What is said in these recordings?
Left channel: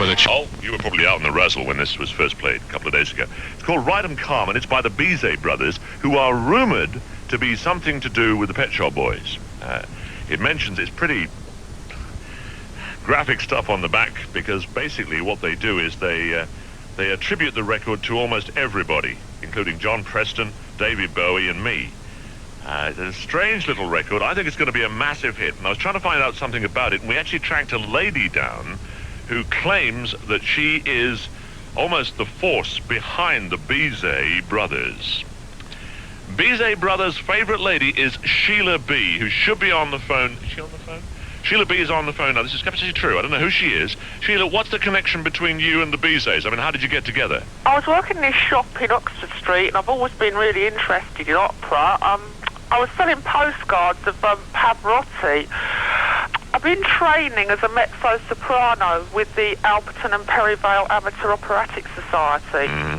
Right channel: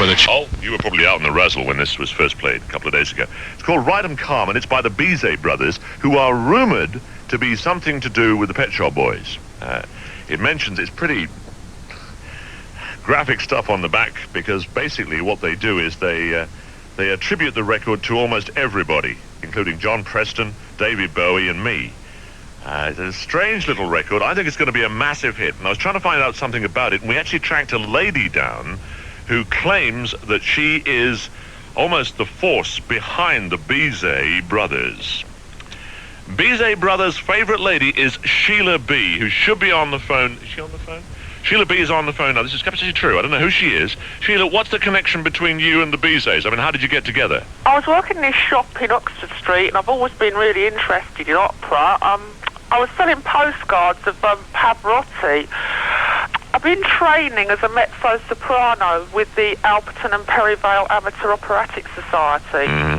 Oh, you were probably out in the razzle when this was first played a couple of days ago. It's called Ride 'em Calm, and it's by the Bizet brothers, who are rumoured to be something to do with the Pet Shop Boys. It mentions it's pretty graphic stuff on the back, because basically what they do is they attribute the record to almost everybody, including John Preston, David Bowie, and me. It's a strange little record. I think it's going to be a massive hit, and I was trying to find out something about it, and we actually tracked a lady down who claims that she is almost the force behind the Bizet brothers. Bizet brothers' favourite lady is Sheila B., who should be on the phone. Is she on the phone? Sheila B. is on the phone now. This is absolutely true. I don't know who she is. Sheila, what's the connection between you and the Bizets? I mean, how did you get together? I was working in this shop in Oxford Street, and I've always been really interested in opera. I was selling postcards of Pavarotti. I've been training as a mezzo-soprano with the Alperton and Perivale Amateur Operatic Society. Mm-hmm.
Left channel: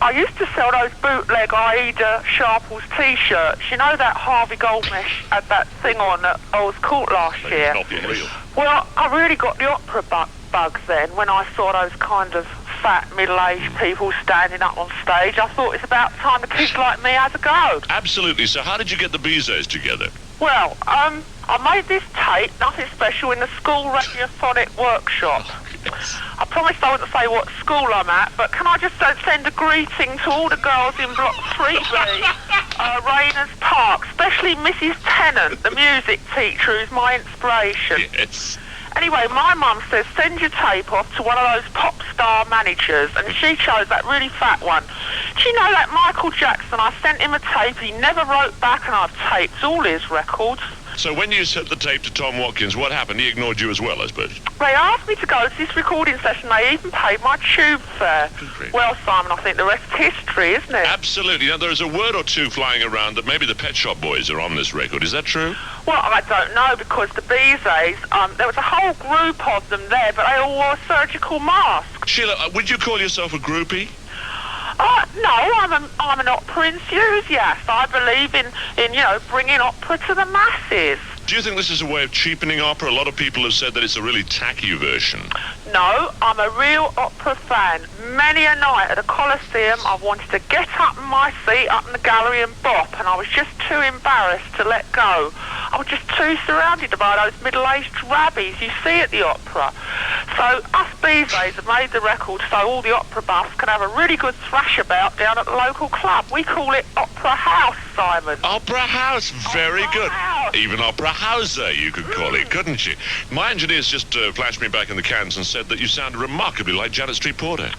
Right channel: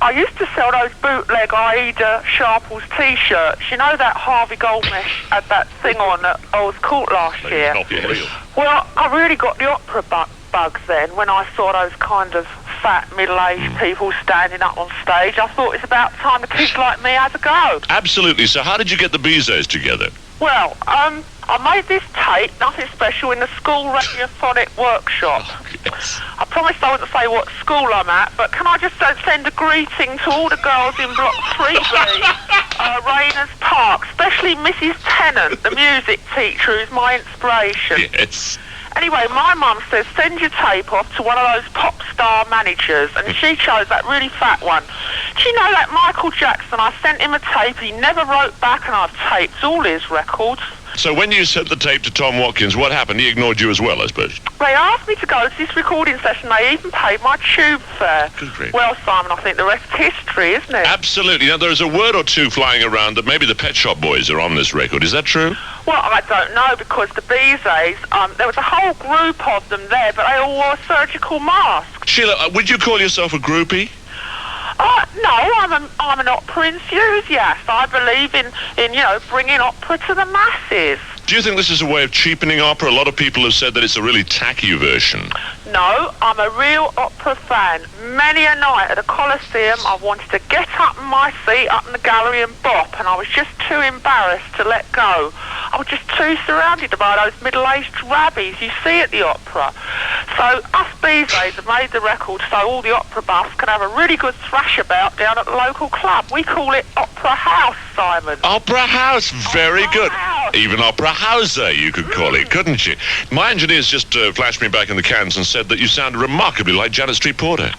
I used to sell those bootleg Aida Sharples T-shirts. You know that Harvey Goldmesh had that thing on at Earl's Court last year? Not real. Well, I really got the opera bug then when I saw those kind of fat, middle-aged people standing up on stage. I thought it's about time the kids like me had a go. Absolutely. So how did you get the Bizets together? Well, I made this tape, nothing special, in the school radiophonic workshop. Oh, yes. I promised I wouldn't say what school I'm at, but can I just send a greeting to all the girls in Block 3B, Rayners Park, especially Mrs. Tennant, the music teacher, who's my inspiration. Yes. Anyway, my mum says, send your tape off to one of those pop star managers, and she chose that really fat one. Do you know that Michael Jackson, I sent him a tape, he never wrote back, and I've taped all his records. So when you sent the tape to Tom Watkins, what happened? He ignored you as well, I suppose. They asked me to go to this recording session. They even paid my tube fare. Good grief. Well, Simon, I think the rest is history, isn't it? Absolutely. Now, there's a word or two flying around that maybe the Pet Shop Boys are on this record. Is that true? Well, I don't know, because the Bizets, there was a whole group of them there, but they all wore surgical masks. Sheila, would you call yourself a groupie? No, I'm an opera enthusiast. I believe in bringing opera to the masses. Do you think this is a way of cheapening opera? A lot of people have said that it's a really tacky version. No, I'm a real opera fan. Many a night at the Coliseum, I've wanted to get up in my seat up in the gallery and bop, and I was just too embarrassed to let go. I was just too surrounded by those middle-aged rabbies you see at the opera. So us Bizets have made the record so all the opera buffs can have a really good thrash about down at the local club. We call it Opera House, Simon. Opera House, very Opera good. House. Even Opera Houser, you could call it, couldn't you? My engineers just flashed me back in the cans and said that you sounded remarkably like Janet Street Porter.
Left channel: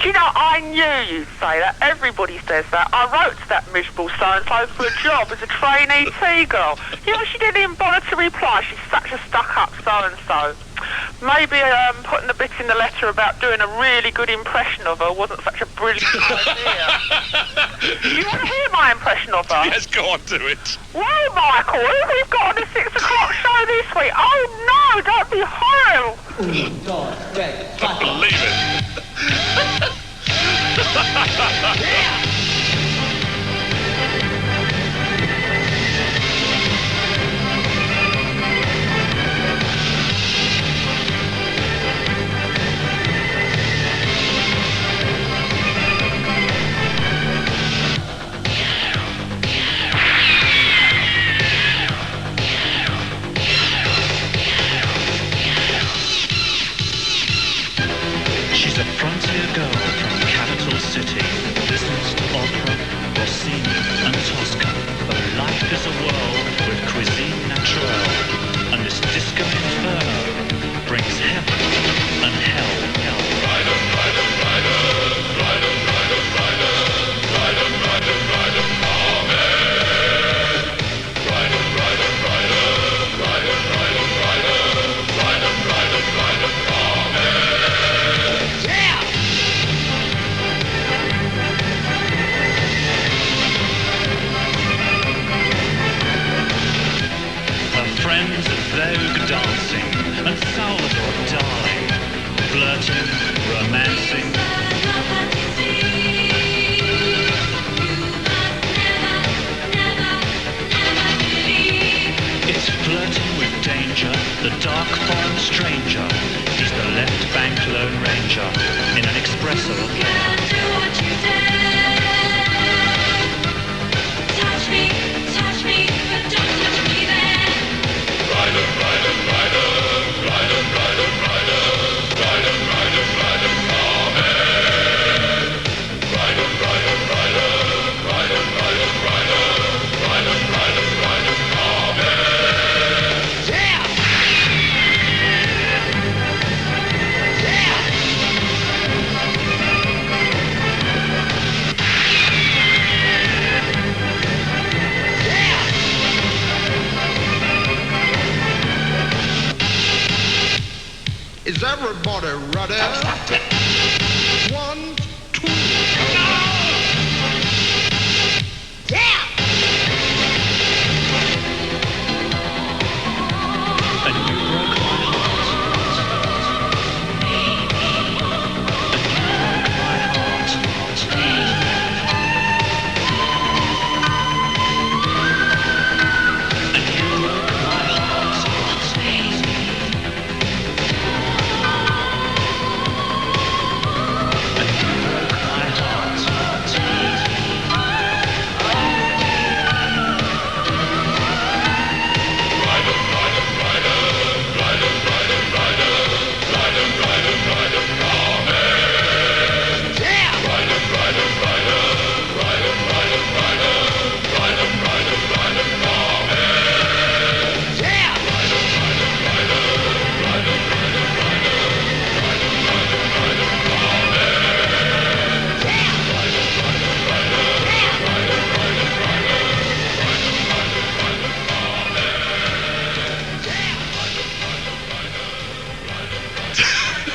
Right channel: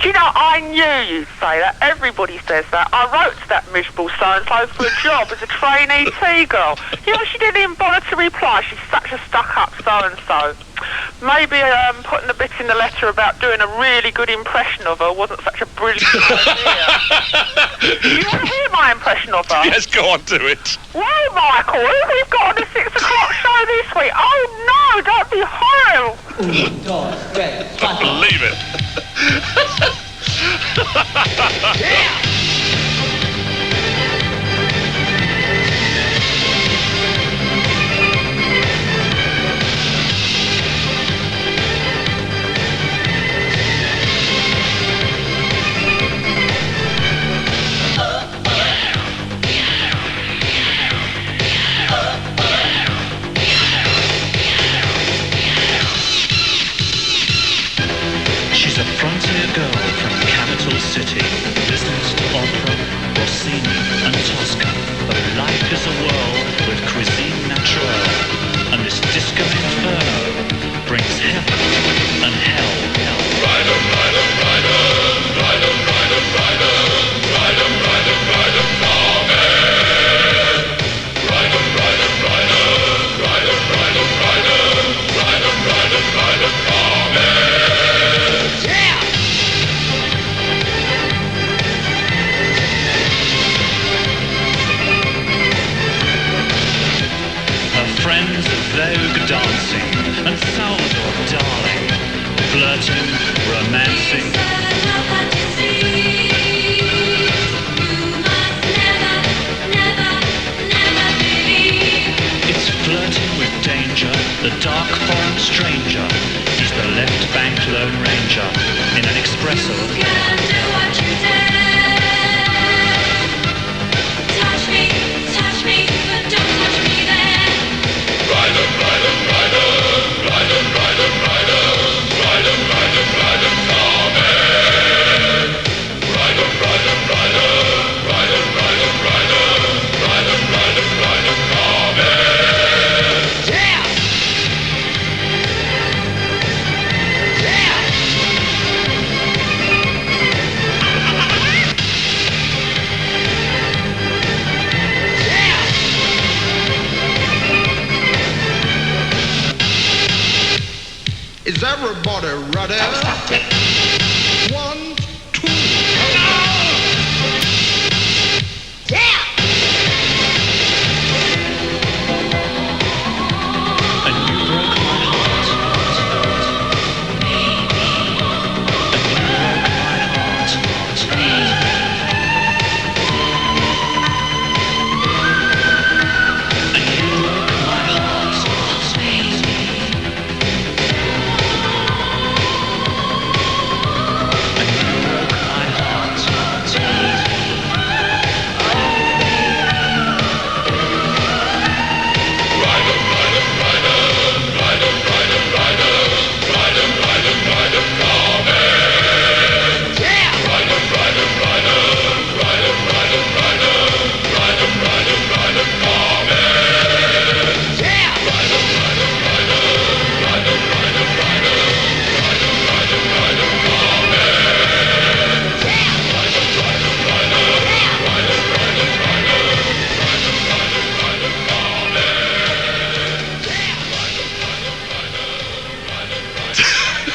Do you know, I knew you'd say that. Everybody says that. I wrote to that miserable so-and-so for a job as a trainee tea girl. You know, she didn't even bother to reply. She's such a stuck-up so-and-so. Maybe putting a bit in the letter about doing a really good impression of her wasn't such a brilliant idea. Do you want to hear my impression of her? Yes, go on, do it. Well, Michael, who have we got on the 6 o'clock show this week? Oh, no, that'd be horrible. Don't believe it. She's a frontier girl from the capital city, listens to opera, Rossini and Tosca. But life is a world with cuisine naturelle, and this disco inferno brings heaven and hell. Ride 'em, ride 'em, ride 'em, ride 'em, ride 'em, ride 'em, ride 'em, ride 'em, ride 'em, come in. Ride 'em, ride 'em, ride 'em, ride 'em, ride 'em, ride 'em, ride 'em, ride 'em, ride 'em, come in. Friends of Vogue dancing and Salvador Dali, flirting, romancing. It's flirting with danger, the dark foreign stranger. He's the left bank Lone Ranger in an espresso of care. Touch me, but don't touch me there. Rider, rider, rider, rider, rider, rider, rider, rider, rider, come in. Rider, rider, rider, rider, rider, rider, rider, rider, rider, come in. Yeah! Is everybody ready? 1, 2. Yeah! And you broke my heart. And you broke my heart.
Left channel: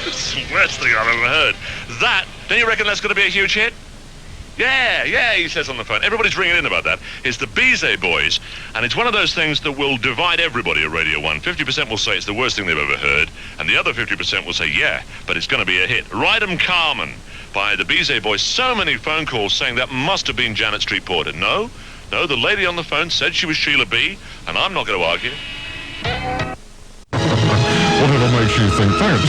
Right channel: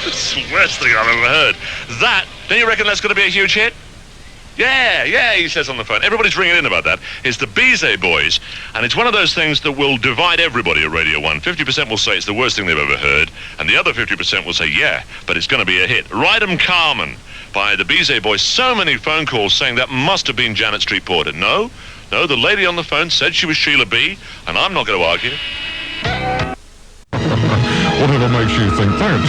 It's the worst thing I've ever heard. That, don't you reckon that's going to be a huge hit? Yeah, he says on the phone. Everybody's ringing in about that. It's the Bizet Boys, and it's one of those things that will divide everybody at Radio 1. 50% will say it's the worst thing they've ever heard, and the other 50% will say, yeah, but it's going to be a hit. Ride 'em Carmen by the Bizet Boys. So many phone calls saying that must have been Janet Street Porter. No, the lady on the phone said she was Sheila B., and I'm not going to argue. Whatever makes you think that.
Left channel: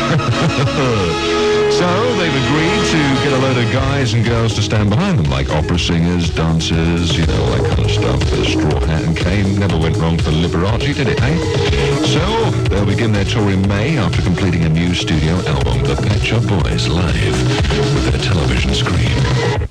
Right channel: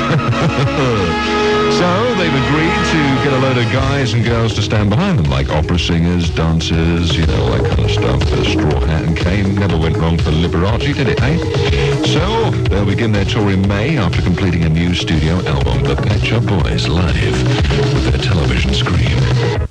So they've agreed to get a load of guys and girls to stand behind them, like opera singers, dancers, you know, all that kind of stuff. The Straw Hat and Cane never went wrong for Liberace, did it, eh? So they'll begin their tour in May after completing a new studio album, The Pet Shop Boys Live, with their television screen.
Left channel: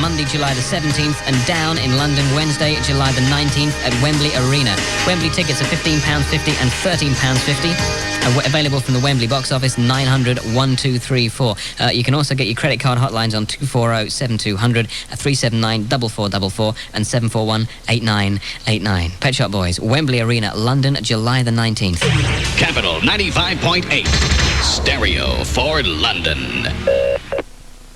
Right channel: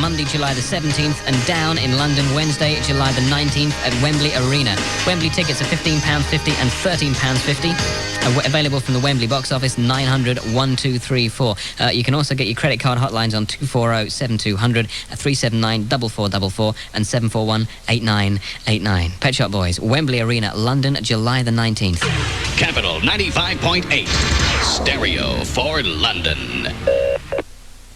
Monday, July the 17th, and down in London, Wednesday, July the 19th at Wembley Arena. Wembley tickets are £15.50 and £13.50. Available from the Wembley box office, 900 1234. You can also get your credit card hotlines on 240 7200, 379 4444 and 741 8989. Pet Shop Boys, Wembley Arena, London, July the 19th. Capital 95.8. Stereo for London.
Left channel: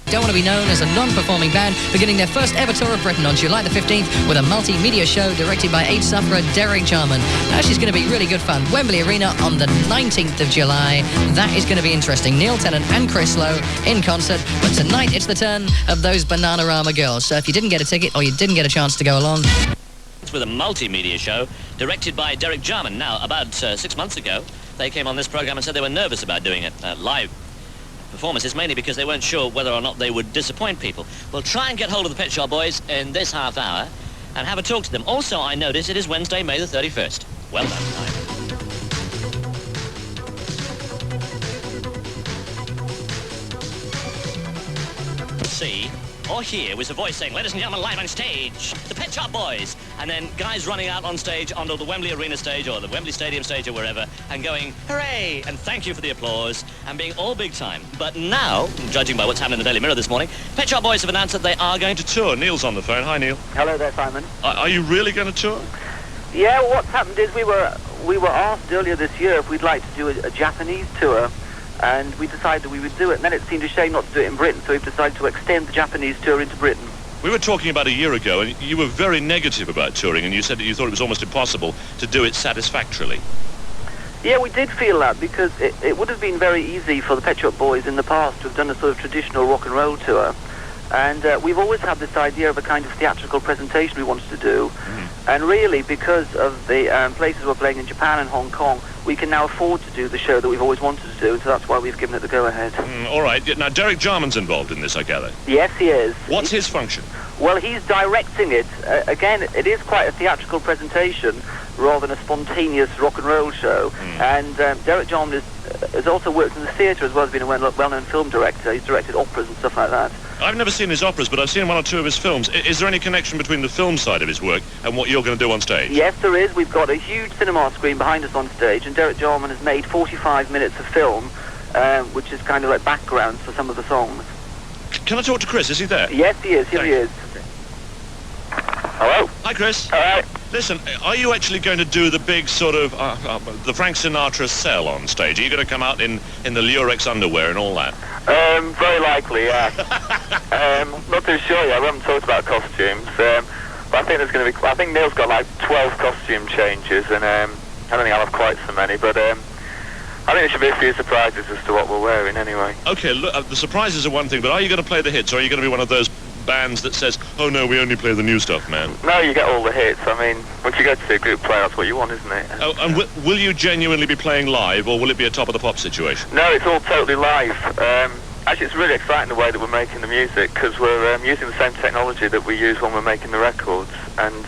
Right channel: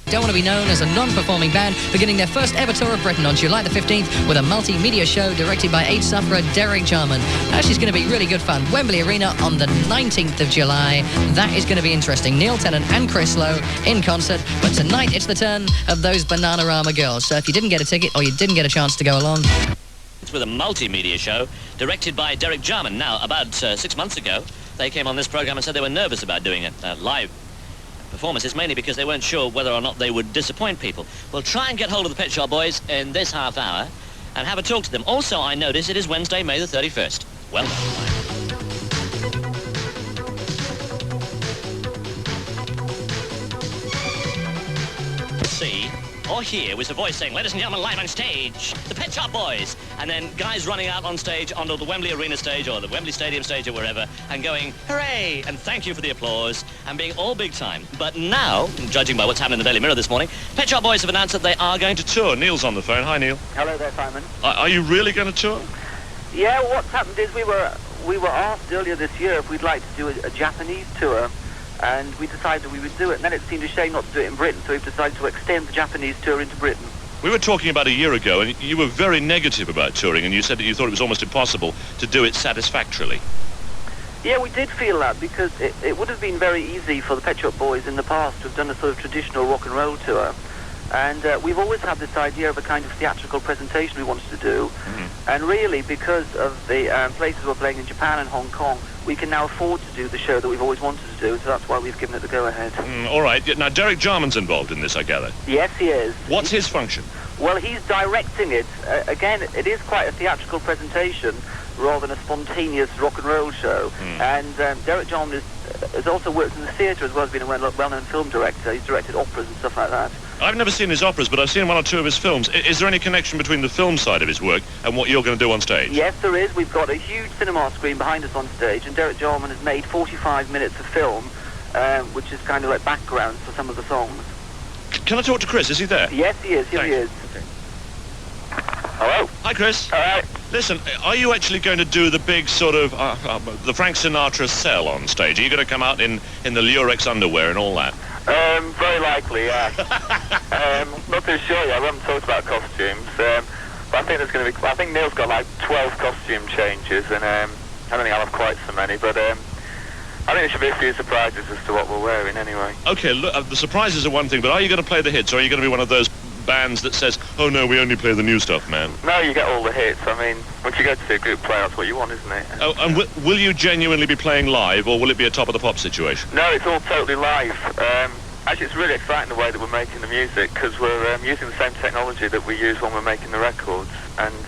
Don't want to be known as a non-performing band, beginning their first ever tour of Britain on July the 15th with a multimedia show directed by AIDS sufferer Derek Jarman. She's going to be really good fun. Wembley Arena on the 19th of July. That is going to be interesting. Neil Tennant and Chris Lowe in concert. But tonight it's the turn of those Bananarama girls. So if you didn't get a ticket or you didn't get a chance to go along... With a multimedia show directed by Derek Jarman. Now, about 6 months ago, they came on this program and said they were nervous about doing it live. Performances, mainly because they weren't sure whether or not they would disappoint people. We'll try and get hold of the Pet Shop Boys in this half hour and have a talk to them. Also, I notice it is Wednesday, May the 31st. Well done. See or hear was a voice saying, ladies and gentlemen, live on stage, the Pet Shop Boys. And then guys running out on stage onto the Wembley Arena stage or the Wembley Stadium stage or wherever and going, hooray, and thank you for the applause, and being all big time. But now, judging by what's happened in the Daily Mirror this morning, Pet Shop Boys have announced that they are going to tour. Neil's on the phone. Hi, Neil. Hello there, Simon. Are you really going to tour? Yeah, well, what's happened is we were asked earlier this year if we'd like to do a Japanese tour, and we decided we would do it. And then it seemed a shame not to do it in Britain, so we've decided to extend the Japanese tour into Britain. We were talking about a year ago, and you were very negative about touring, and you said that you thought it was almost impossible to do it satisfactorily. Yeah, we did feel that, because it would have been very easy for the Pet Shop Boys in the past to have done a sort of traditional rock and roll tour. And we've always had this idea of a kind of theatrical presentation we wanted to do. And really, because of the places we're playing in Japan and Hong Kong, we can now afford to do the show that we've always wanted to do, so that's why we've given it the go-ahead. All right. Now, Derek Jarman's involved in this, I gather. Yes, he is. What's his function? Well, he's directing it. Again, it is quite a theatrical presentation rather than a spontaneous rock and roll show. And Derek Jarman has also worked in the theatre as well as being a well-known film director. He's directed operas and stuff like that. I've never seen his operas, but I've seen one or two of his films. Is there any connection between the film side of his work and what you're going to do on stage? Yes, there is. We've got a huge cinema screen behind us on stage, and Derek Jarman has made 45 minutes of film, which is kind of like background for some of the songs. Can I talk to Chris? Is he there? Yes, he is. Here he is. Okay. Hello. Hi, Chris. All right. Listen, are you actually going to do the big sort of the Frank Sinatra sell on stage? Are you going to come out in the Lurex underwear and all that? Very likely, yeah. Not too sure yet. We haven't talked about costumes. But I think there's going to be. I think Neil's got like 12 costume changes, and I don't think I'll have quite so many. But I think there should be a few surprises as to what we're wearing, anyway. Okay, look, the surprises are one thing, but are you going to play the hits, or are you going to be one of those bands that says, "Oh no, we only play the new stuff, man"? No, you get all the hits. I mean, once you go to see a group play, that's what you want, isn't it? Oh, and will you genuinely be playing live, or will it be a top of the pop situation? No, it's all totally live. Actually, it's really exciting the way that we're making the music, because we're using the same technology that we use when we're making the records, and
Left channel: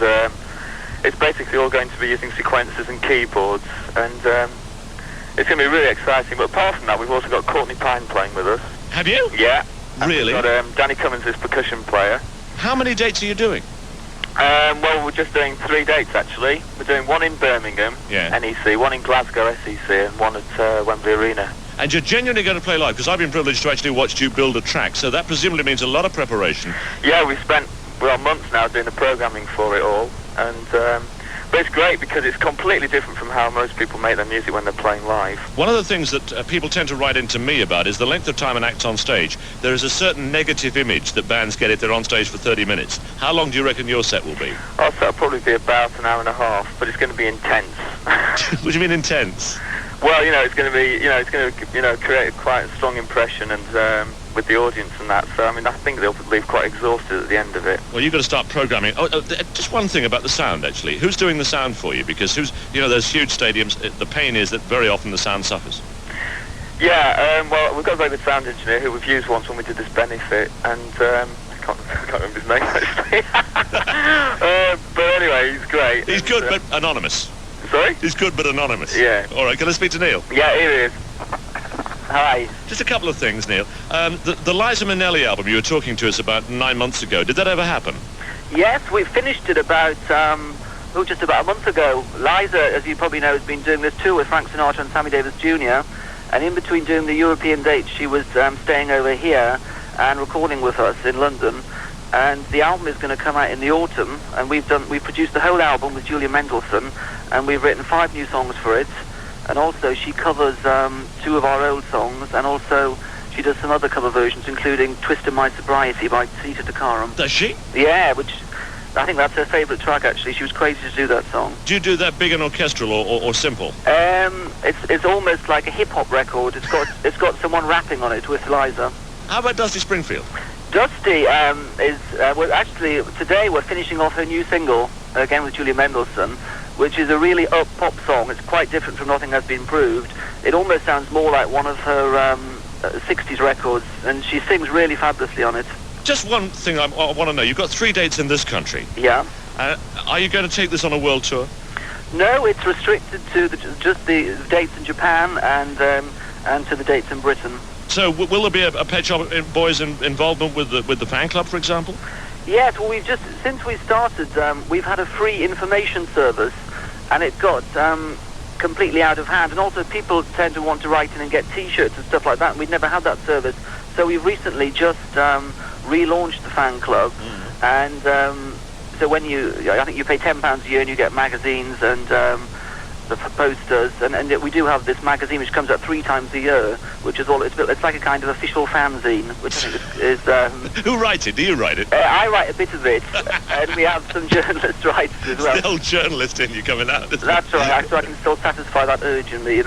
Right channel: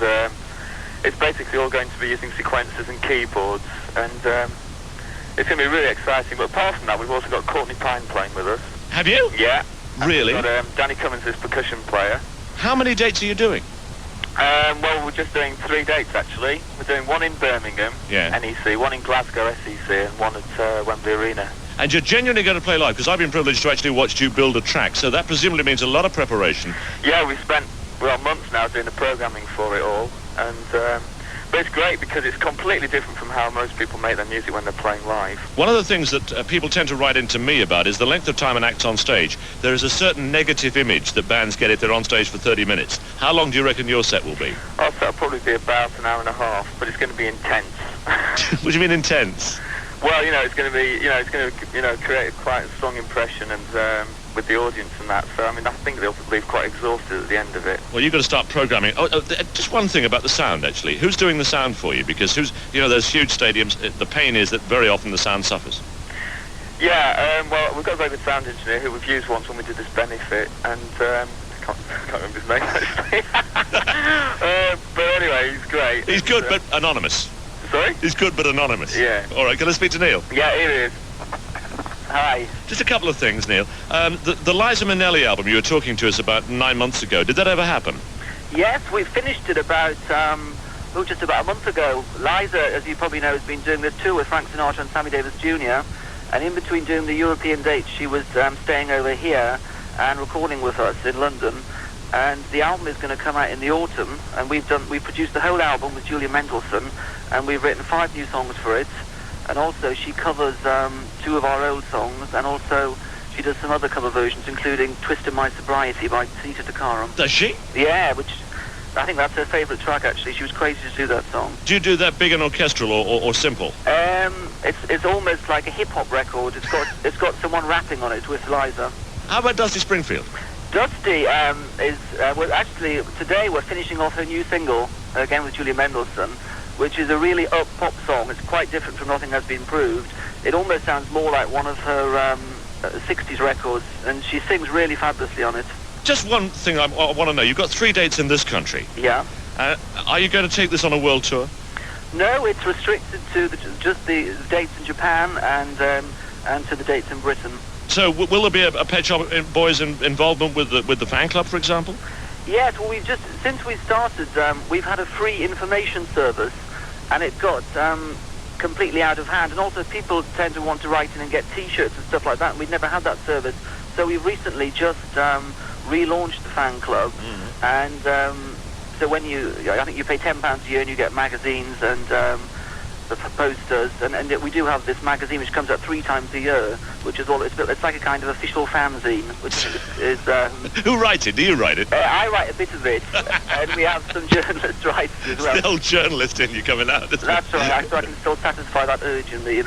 it's basically all going to be using sequencers and keyboards, and it's going to be really exciting. But apart from that, we've also got Courtney Pine playing with us. Have you? Yeah. Really? We've got Danny Cummins, his percussion player. How many dates are you doing? Well, we're just doing 3 dates, actually. We're doing one in Birmingham, NEC, one in Glasgow, SEC, and one at Wembley Arena. And you're genuinely going to play live, because I've been privileged to actually watch you build a track, so that presumably means a lot of preparation. Yeah, we've spent, months now doing the programming for it all, and but it's great because it's completely different from how most people make their music when they're playing live. One of the things that people tend to write into me about is the length of time an act's on stage. There is a certain negative image that bands get if they're on stage for 30 minutes. How long do you reckon your set will be? Oh, so it'll probably be about an hour and a half, but it's going to be intense. What do you mean intense? Well, it's going to be, it's going to, create quite a strong impression and with the audience and that. So, I mean, I think they'll leave quite exhausted at the end of it. Well, you've got to start programming. Just one thing about the sound, actually. Who's doing the sound for you? Because those huge stadiums, the pain is that very often the sound suffers. Yeah, well, we've got a very good sound engineer who we've used once when we did this benefit, and I can't remember his name, actually. But anyway, he's great. He's good, but anonymous. Sorry? He's good, but anonymous. Yeah. All right, can I speak to Neil? Yeah, here he is. Hi. Just a couple of things, Neil. The Liza Minnelli album you were talking to us about 9 months ago, did that ever happen? Yes, we finished it about, just about a month ago. Liza, as you probably know, has been doing this tour with Frank Sinatra and Sammy Davis Jr., and in between doing the European dates, she was staying over here and recording with us in London. And the album is going to come out in the autumn, and we've produced the whole album with Julia Mendelssohn, and we've written 5 new songs for it. And also she covers 2 of our old songs, and also she does some other cover versions, including Twist of My Sobriety by Sita Takaram. Does she? Yeah, which I think that's her favourite track, actually. She was crazy to do that song. Do you do that big and orchestral or simple? It's almost like a hip-hop record. It's got someone rapping on it with Liza. How about Dusty Springfield? Dusty actually, today we're finishing off her new single, again with Julia Mendelssohn, which is a really up-pop song. It's quite different from Nothing Has Been Proved. It almost sounds more like one of her 60s records, and she sings really fabulously on it. Just one thing I want to know. You've got 3 dates in this country. Yeah. Are you going to take this on a world tour? No, it's restricted to just the dates in Japan and to the dates in Britain. So will there be a Pet Shop Boys involvement with the fan club, for example? Yes, well, since we started, we've had a free information service, and it got completely out of hand. And also people tend to want to write in and get T-shirts and stuff like that, and we'd never had that service. So we've recently just relaunched the fan club, and so I think you pay £10 a year and you get magazines and the posters, and we do have this magazine which comes out 3 times a year, which is it's like a kind of official fanzine, which is Who writes it? Do you write it? I write a bit of it, and we have some journalists write as well. It's the old journalist in you coming out, isn't That's it? right, so I can still satisfy that urge in me,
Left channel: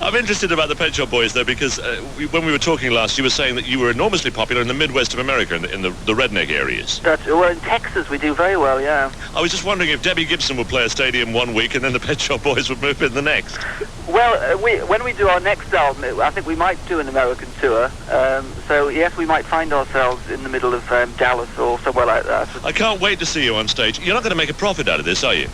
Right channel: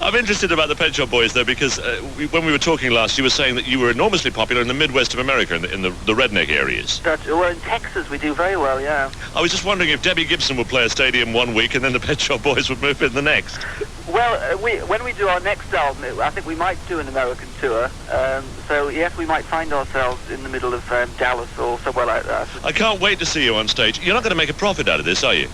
I'm interested about the Pet Shop Boys, though, because when we were talking last, you were saying that you were enormously popular in the Midwest of America, in the redneck areas. Well, in Texas we do very well, yeah. I was just wondering if Debbie Gibson would play a stadium one week and then the Pet Shop Boys would move in the next. Well, when we do our next album, I think we might do an American tour. So, yes, we might find ourselves in the middle of Dallas or somewhere like that. I can't wait to see you on stage. You're not going to make a profit out of this, are you?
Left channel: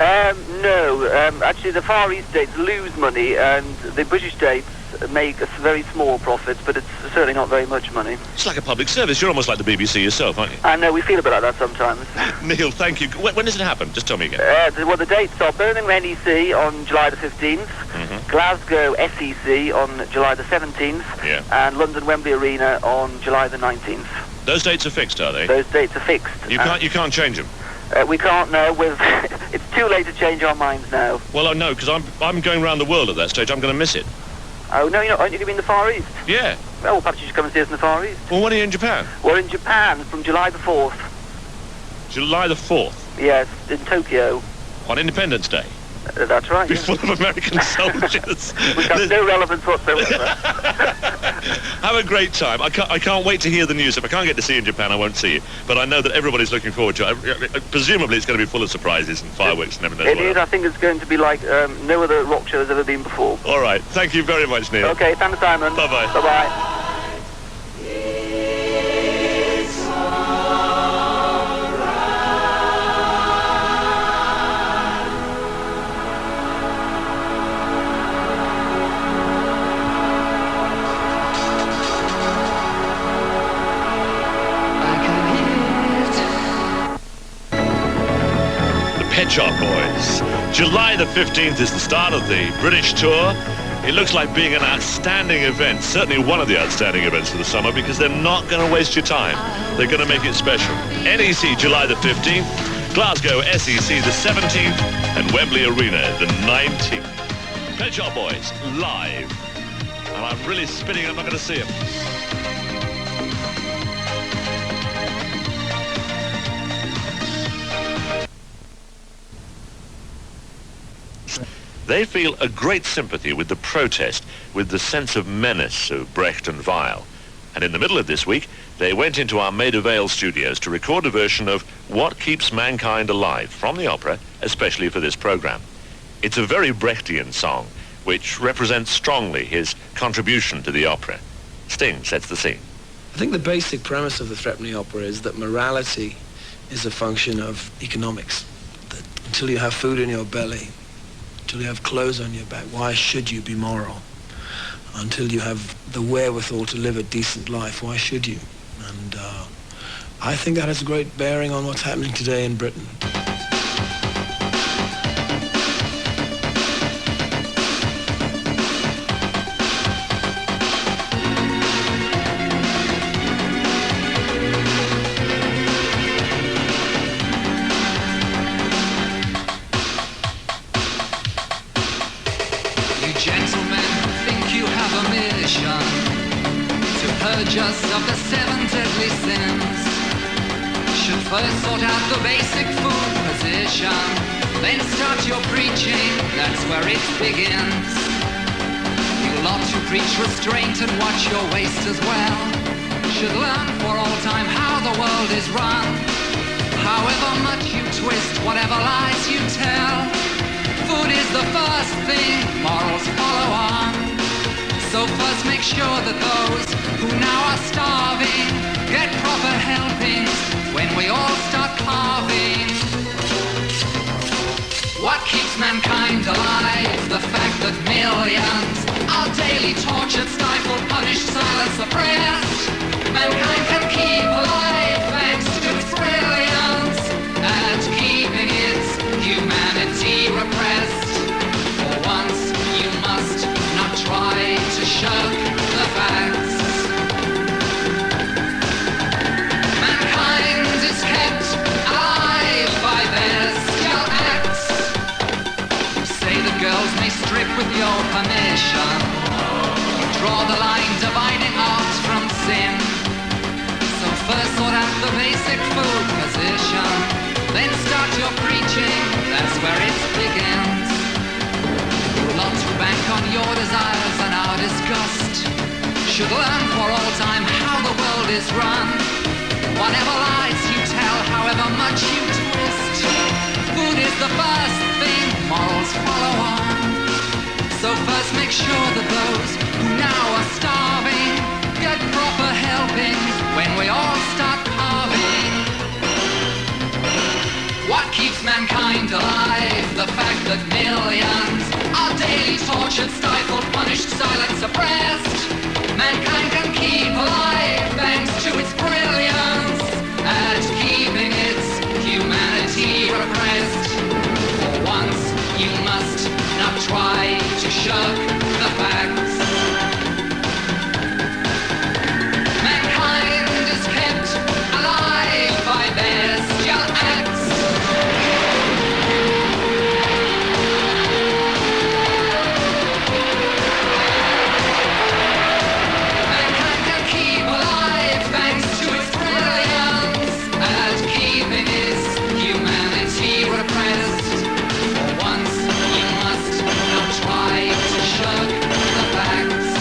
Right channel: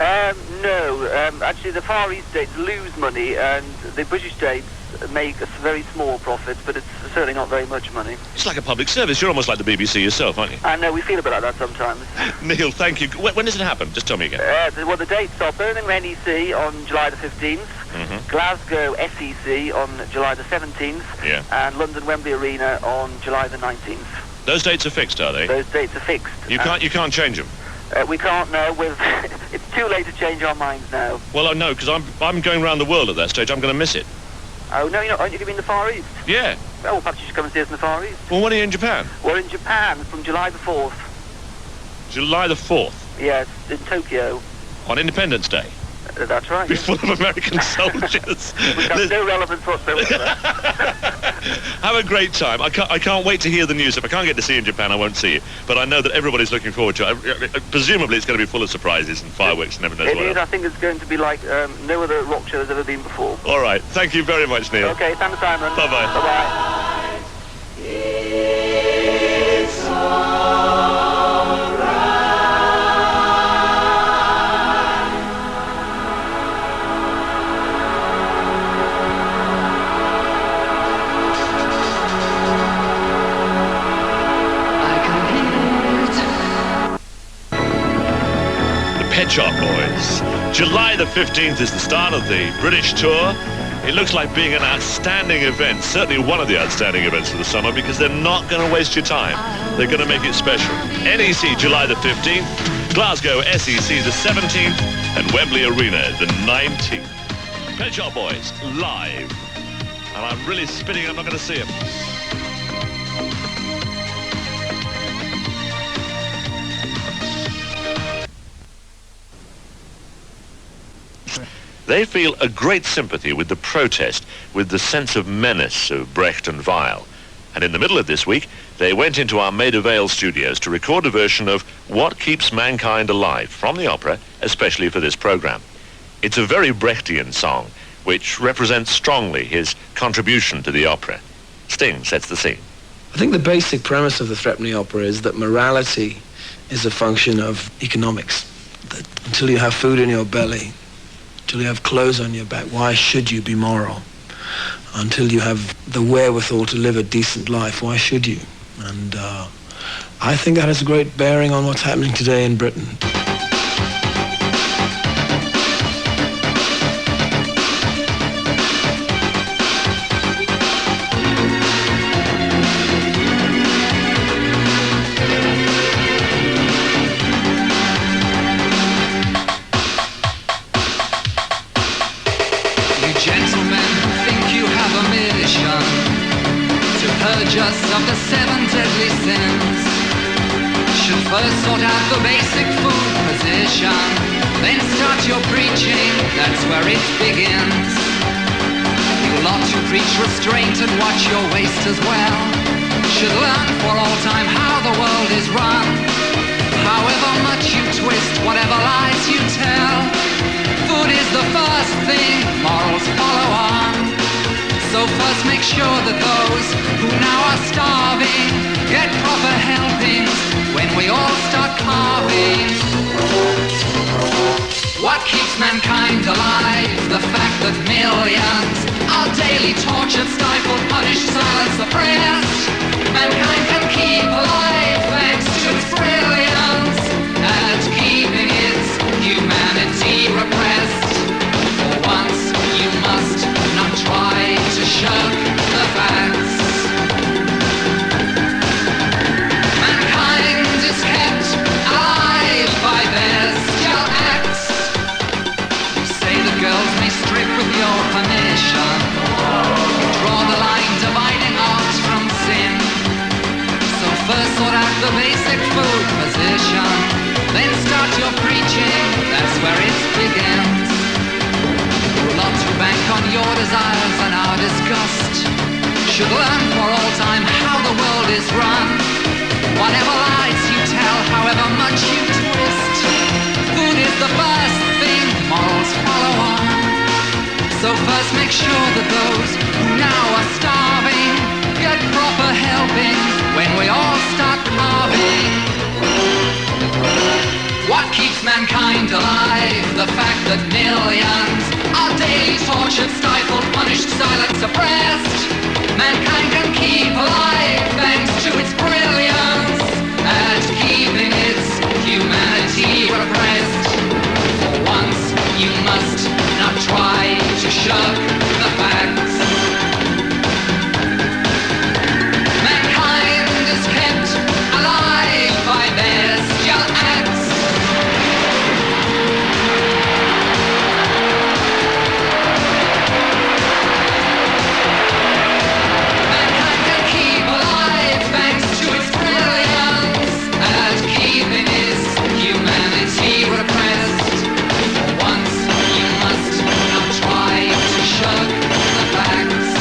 No. Actually, the Far East dates lose money, and the British dates make a very small profit, but it's certainly not very much money. It's like a public service. You're almost like the BBC yourself, aren't you? I know, we feel a bit like that sometimes. Neil, thank you. When does it happen? Just tell me again. Well, the dates are Birmingham NEC on July the 15th, Glasgow SEC on July the 17th, and London Wembley Arena on July the 19th. Those dates are fixed, are they? Those dates are fixed. You can't change them? We can't now. It's too late to change our minds now. Well, I know, because I'm going around the world at that stage. I'm going to miss it. Oh, no, you're not. Aren't you going to be in the Far East? Yeah. Oh, well, perhaps you should come and see us in the Far East. Well, when are you in Japan? We're in Japan from July the 4th. July the 4th? Yes, in Tokyo. On Independence Day? That's right. Be full of American soldiers. Which has no relevance whatsoever. Have a great time. I can't wait to hear the news. If I can't get to see you in Japan, I won't see you. But I know that everybody's looking forward to it. Presumably it's going to be full of surprises and fireworks and everything. Indeed, I think it's going to be like no other rock show has ever been before. All right. Thank you very much, Neil. Okay, thanks, Simon. Bye-bye. Bye-bye. Pet Shop Boys. July the 15th is the start of the British tour. It looks like being an outstanding event, certainly one of the outstanding events of the summer, because they're not going to waste your time. They're going to make it special. NEC July the 15th, Glasgow SEC the 17th, and Wembley Arena the 19th. Pet Shop Boys, live. And I'm really spinning, I'm not going to see them. They feel a great sympathy with the protest, with the sense of menace of Brecht and Weill. And in the middle of this week, they went into our Maida Vale studios to record a version of What Keeps Mankind Alive from the opera, especially for this program. It's a very Brechtian song, which represents strongly his contribution to the opera. Sting sets the scene. I think the basic premise of the Threepenny Opera is that morality is a function of economics. That until you have food in your belly, until you have clothes on your back, why should you be moral? Until you have the wherewithal to live a decent life, why should you? And I think that has a great bearing on what's happening today in Britain. Of the 7 deadly sins, should first sort out the basic food position, then start your preaching, that's where it begins. You'll ought to preach restraint and watch your waist as well. Should learn for all time how the world is run. However much you twist, whatever lies you tell, food is the first thing, morals follow on. So first make sure that those who now are starving get proper helpings when we all start carving. What keeps mankind alive? The fact that millions are daily tortured, stifled, punished, silenced, suppressed. Mankind can keep alive thanks to its brilliance at keeping its humanity repressed. For once you must not try to shirk the facts. Mankind is kept alive by bestial acts. You say the girls may strip with your permission. You draw the line dividing art from sin. So first sort out the basic food position, then start your preaching, that's where it begins. Not to bank on your desires and our disgust. Should learn for all time how the world is run. Whatever lies you tell, however much you twist, food is the first thing, morals follow on. So So first make sure that those who now are starving get proper helpings when we all start carving. What keeps mankind alive? The fact that millions are daily tortured, stifled, punished, silenced, suppressed. Mankind can keep alive thanks to its brilliance at keeping its humanity repressed. For once, you must not try to shirk the facts. Mankind is kept alive by bestial acts. Mankind can keep alive thanks to its brilliance at keeping its humanity repressed. For once, you must not try to shirk the facts.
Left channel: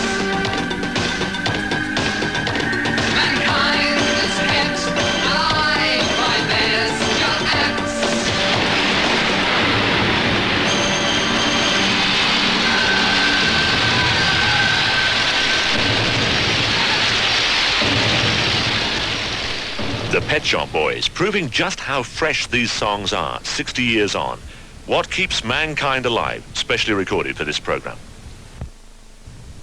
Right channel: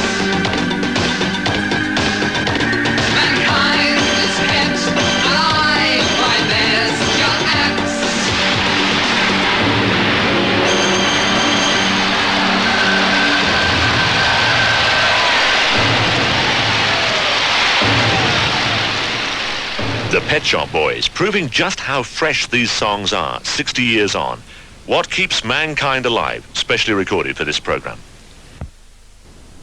Mankind is kept alive by bestial acts. The Pet Shop Boys, proving just how fresh these songs are 60 years on. What keeps mankind alive, specially recorded for this program.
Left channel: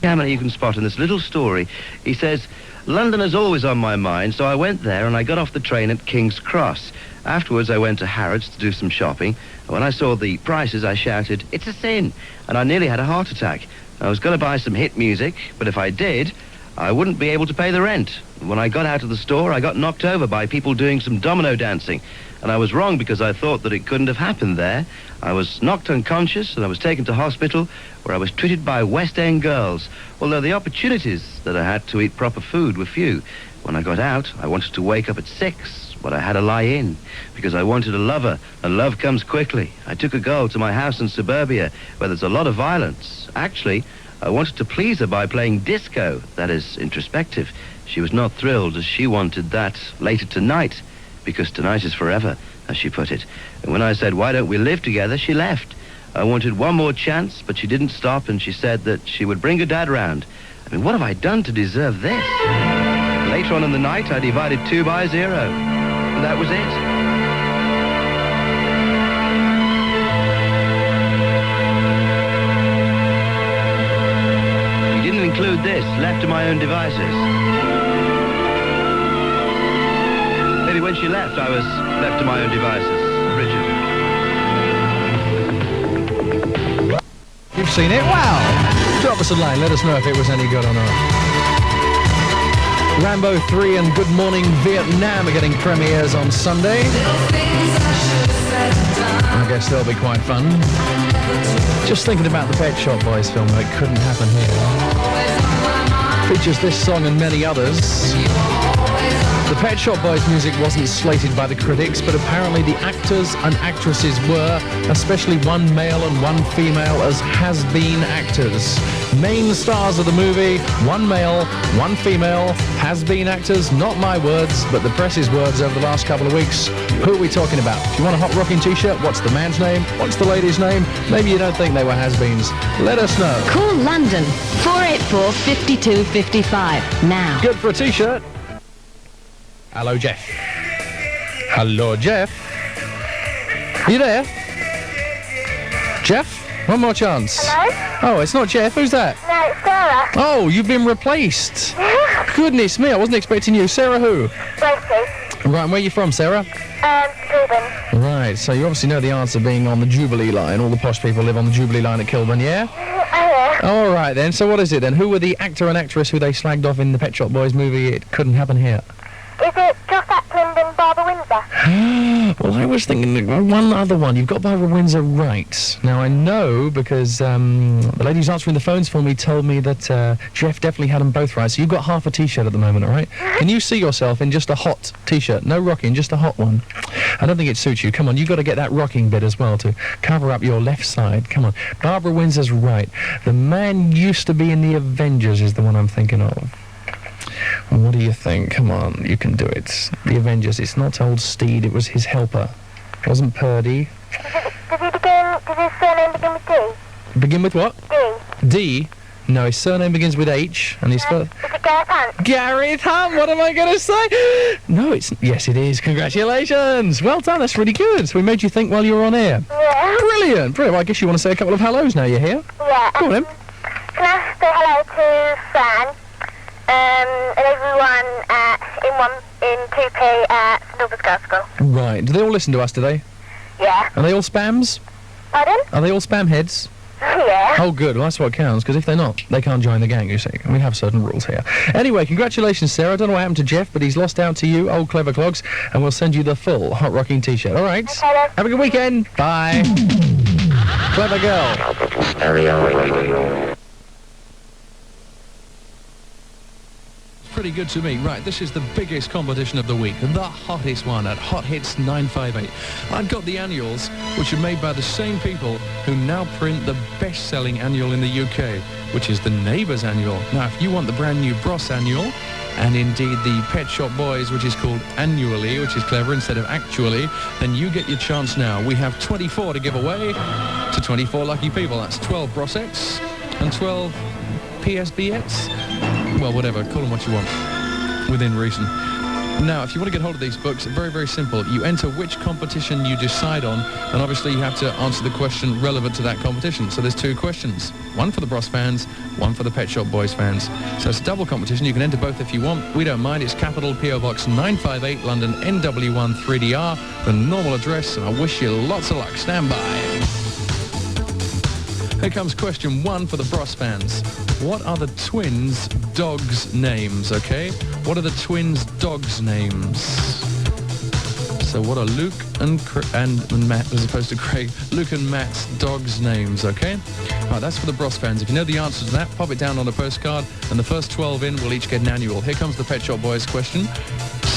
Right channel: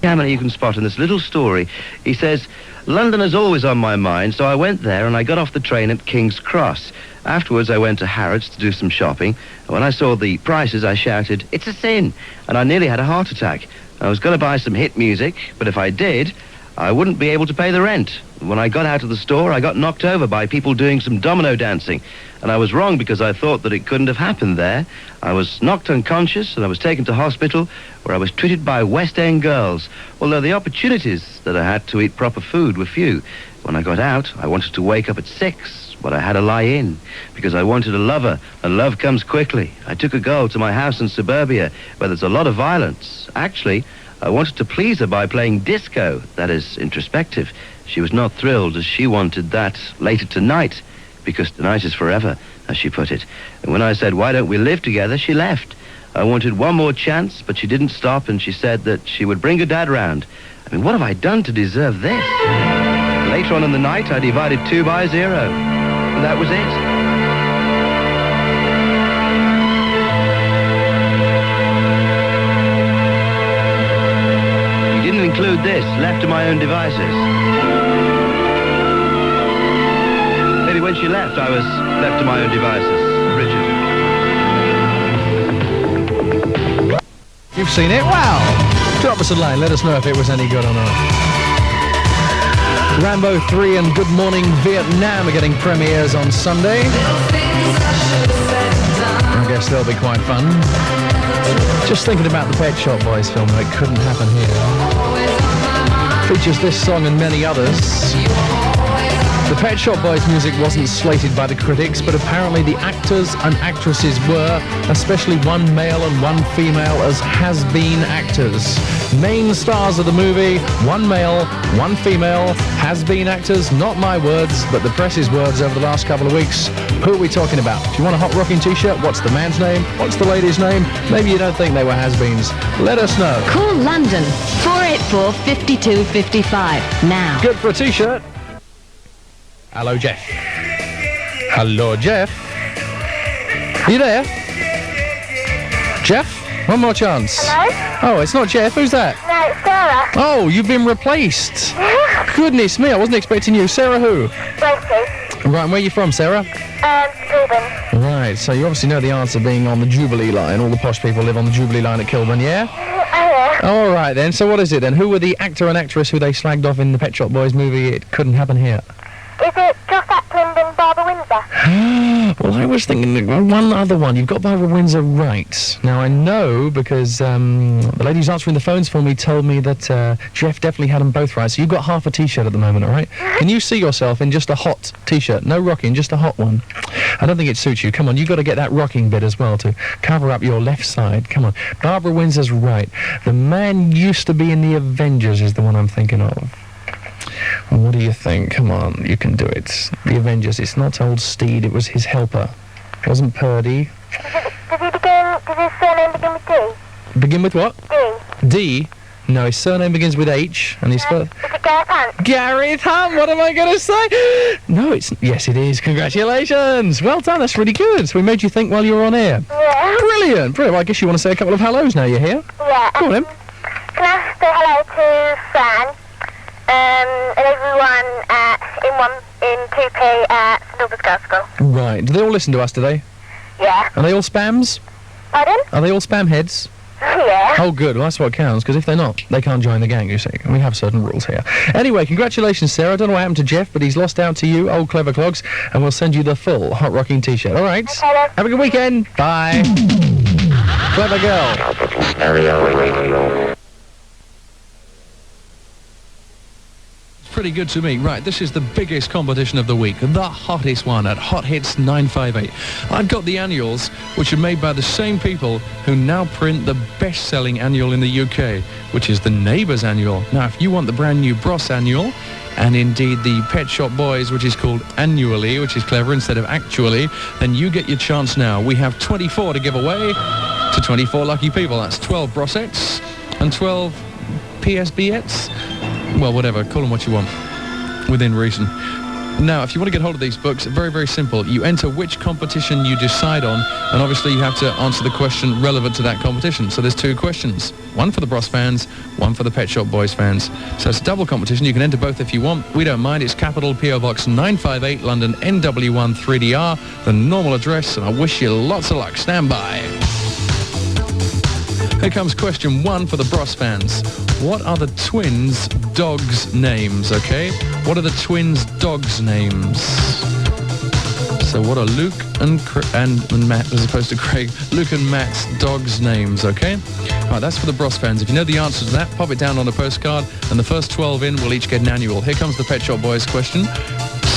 Cameron, you can spot in this little story. He says, London is always on my mind, so I went there and I got off the train at King's Cross. Afterwards, I went to Harrods to do some shopping. And when I saw the prices, I shouted, "It's a sin!" And I nearly had a heart attack. I was going to buy some hit music, but if I did, I wouldn't be able to pay the rent. When I got out of the store, I got knocked over by people doing some domino dancing. And I was wrong because I thought that it couldn't have happened there. I was knocked unconscious and I was taken to hospital where I was treated by West End girls, although the opportunities that I had to eat proper food were few. When I got out, I wanted to wake up at 6, but I had to lie in because I wanted a lover, and love comes quickly. I took a girl to my house in suburbia where there's a lot of violence. Actually, I wanted to please her by playing disco, that is, introspective. She was not thrilled as she wanted that later tonight, because tonight is forever, as she put it. And when I said, why don't we live together, she left. I wanted one more chance, but she didn't stop, and she said that she would bring her dad round. I mean, what have I done to deserve this? Later on in the night, I divided 2 by 0. And that was it. Include this, left to my own devices. Maybe when she left, I was left to my own devices. Richard. You've seen it? Wow! Drop us a line, let us know if it was any good or not. Rambo 3 and Good Morning Vietnam are getting premieres on Sunday. I guess they'll be quite fun. Just thinking about the Pet Shop Boys film, it couldn't happen here. Features this song and many others. The Pet Shop Boys music wasn't slated by the critics, but apparently the actors and actresses were, especially one male and one female as has-been actors. Main stars of the movie, one male, one female, has-been actors, not my words, but the press's words over the last couple of weeks. Who are we talking about? Do you want a hot rocking t-shirt? What's the man's name? What's the lady's name? Maybe you don't think they were has-beens. Let us know. Call London, 484-5255, now. Good for a t-shirt. Hello, Jeff. Hello, Jeff. Are you there? Jeff? One more chance. Hello? Oh, it's not Jeff. Who's that? No, it's Sarah. Oh, you've been replaced. Goodness me, I wasn't expecting you. Sarah who? Rosie. Right, and where are you from, Sarah? Kilburn. Right, so you obviously know the answer being on the Jubilee line. All the posh people live on the Jubilee line at Kilburn, yeah? All right, then. So what is it, then? Who were the actor and actress who they slagged off in the Pet Shop Boys movie It Couldn't Happen Here? Is it Josh Atkins and Barbara Windsor? Well, I was thinking one other one. You've got Barbara Windsor right. Now, I know because the lady who's answering the phones for me told me that Jeff definitely had them both right. So you've got half a T-shirt at the moment, all right? Can you see yourself in just a hot T-shirt? No rocking, just a hot one. I don't think it suits you. Come on, you've got to get that rocking bit as well to cover up your left side. Come on. Barbara Windsor's right. The man used to be in the Avengers is the one I'm thinking of. What do you think? Come on, you can do it. The Avengers, it's not old Steed, it was his helper. It wasn't Purdy. Does his surname begin with D? Begin with what? D. D. No, his surname begins with H, and his first... Is it Gareth Hunt? Gareth Hunt, what am I going to say? No, it's... Yes, it is. Congratulations. Well done, that's really good. So we made you think while you were on air. Yeah. Brilliant. Well, I guess you want to say a couple of hellos now you're here. Yeah. Go on, then. Can I say hello to Fran, and everyone in 2P at Silver's Girls School? Right. Do they all listen to us today? Yeah. Are they all spams? Pardon? Are they all spam heads? Yeah. Oh, good. Well, that's what counts, because if they're not, they can't join the gang, you see. And we have certain rules here. Anyway, congratulations, Sarah. I don't know what happened to Jeff, but he's lost out to you, old Clever Clogs, and we'll send you the full Hot Rocking T-shirt. All right? Okay, then. Have a good weekend. Bye. Clever girl. Pretty good to me. Right, this is the biggest competition of the week, the hottest one at Hot Hits 958. I've got the annuals, which are made by the same people who now print the best-selling annual in the UK, which is the Neighbours Annual. Now, if you want the brand new Bros Annual, and indeed the Pet Shop Boys, which is called Annually, which is clever instead of Actually, then you get your chance now. We have 24 to give away to 24 lucky people. That's 12 Brosettes and 12 PSBettes. Well, whatever, call them what you want, within reason. Now, if you want to get hold of these books, very, very simple. You enter which competition you decide on, and obviously you have to answer the question relevant to that competition. So there's two questions, one for the Bros fans, one for the Pet Shop Boys fans. So it's a double competition. You can enter both if you want. We don't mind. It's capital P.O. Box 958, London, NW1 3DR, the normal address, and I wish you lots of luck. Stand by. Here comes question one for the Bros fans. What are the twins' dogs' names, okay? What are the twins' dogs' names? So what are Luke and Matt, as opposed to Craig, Luke and Matt's dogs' names, okay? All right, that's for the Bros fans. If you know the answer to that, pop it down on a postcard, and the first 12 in will each get an annual. Here comes the Pet Shop Boys question.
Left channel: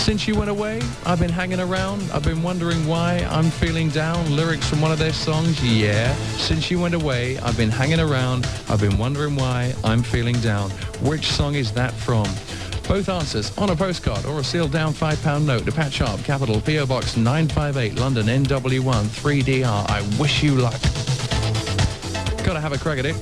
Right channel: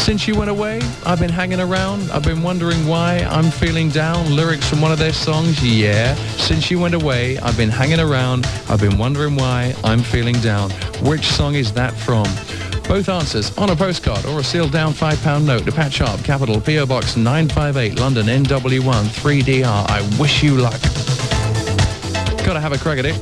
Since you went away, I've been hanging around. I've been wondering why I'm feeling down. Lyrics from one of their songs, yeah. Since you went away, I've been hanging around. I've been wondering why I'm feeling down. Which song is that from? Both answers on a postcard or a sealed down £5 note to Pat Sharp, capital P.O. Box 958, London, NW1 3DR. I wish you luck. Gotta have a crack at it.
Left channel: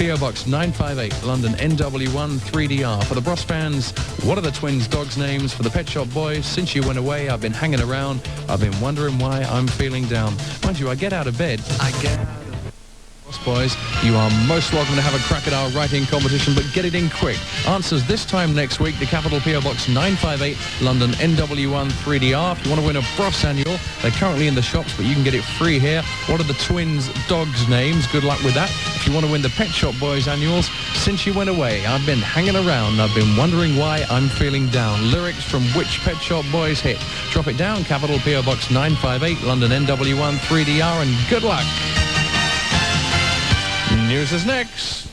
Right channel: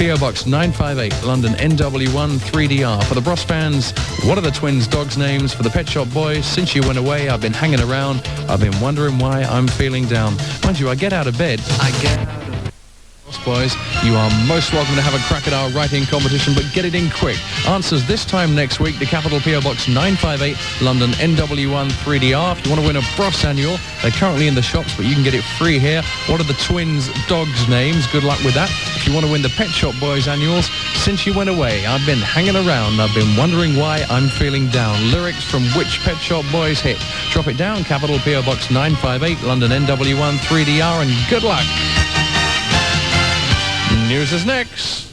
P.O. Box 958, London, NW1 3DR. For the Bros fans, what are the twins' dogs' names? For the Pet Shop Boys, since you went away, I've been hanging around. I've been wondering why I'm feeling down. Mind you, I get out of bed. Bros boys, you are most welcome to have a crack at our writing competition, but get it in quick. Answers this time next week to capital P.O. Box 958, London, NW1 3DR. If you want to win a Bros annual, they're currently in the shops, but you can get it free here. What are the twins' dogs' names? Good luck with that. If you want to win the Pet Shop Boys annuals, since you went away, I've been hanging around. I've been wondering why I'm feeling down. Lyrics from which Pet Shop Boys hit? Drop it down, capital P.O. Box 958, London, NW1 3DR, and good luck. News is next.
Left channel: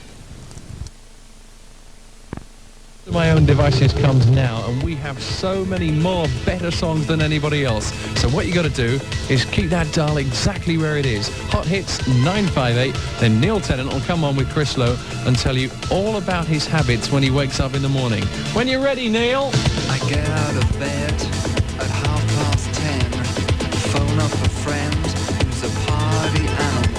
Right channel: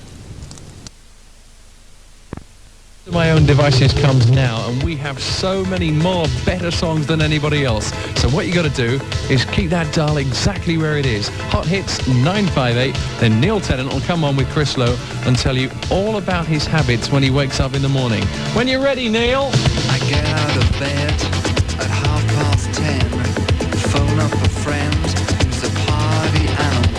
My own devices comes now, and we have so many more better songs than anybody else. So what you got to do is keep that dial exactly where it is. Hot Hits 958. Then Neil Tennant will come on with Chris Lowe and tell you all about his habits when he wakes up in the morning. When you're ready, Neil. I get out of bed at 10:30. Phone up a friend who's a party animal.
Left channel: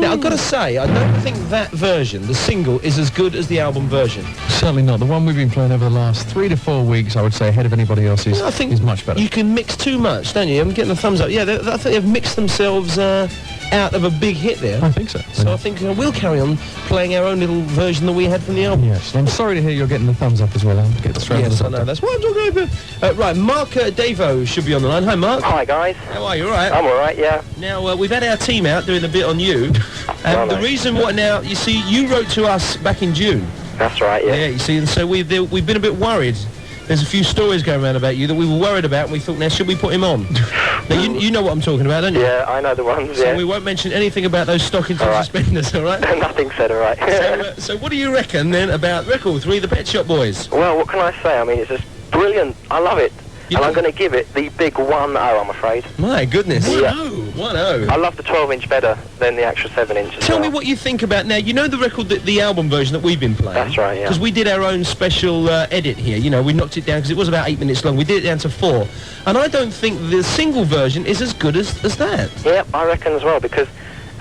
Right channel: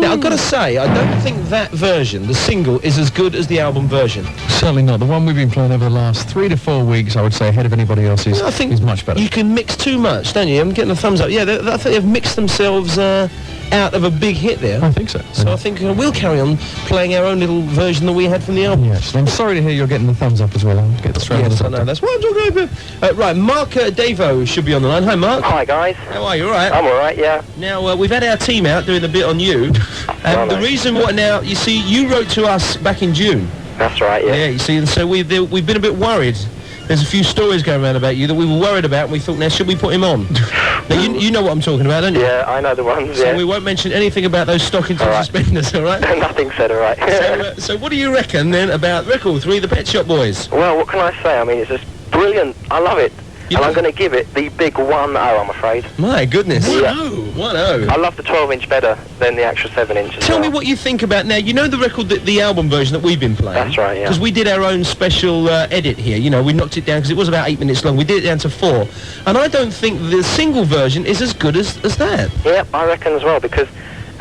Now, I've got to say, I don't think that version, the single, is as good as the album version. Certainly not. The one we've been playing over the last 3 to 4 weeks, I would say, ahead of anybody else's, I think is much better. You can mix too much, don't you? I'm getting a thumbs up. Yeah, I think they've mixed themselves out of a big hit there. I think so. So I think we'll carry on playing our own little version that we had from the album. Yes, I'm sorry to hear you're getting the thumbs up as well. I'll get straight yes, on I know. That's what I'm talking about. Right, Mark Davo should be on the line. Hi, Mark. Hi, guys. How are you? All right? I'm all right, yeah. Now, we've had our team out doing a bit on you. And the reason why now, you see, you wrote to us back in June. That's right, yeah. Yeah, you see, and so we've been a bit worried. There's a few stories going around about you that we were worried about, and we thought, now, should we put him on? Now, you know what I'm talking about, don't you? Yeah, I know the ones, So yeah. we won't mention anything about those stockings and suspenders, all right? Nothing said, all right. So what do you reckon, then, about Record 3, the Pet Shop Boys? Well, what can I say? I mean, it's just brilliant. I love it. And I'm going to give it the big 1-0, I'm afraid. My goodness. Yeah. 1-0. I love the 12-inch better than the actual 7-inch. Tell me what you think about, now, you know the record, the album version that we've been playing? That's right, yeah. Because we did our own special edit here, you know, we knocked it down, because it was about 8 minutes long, we did it down to 4. And I don't think the single version is as good as that. Yep, I reckon as well, because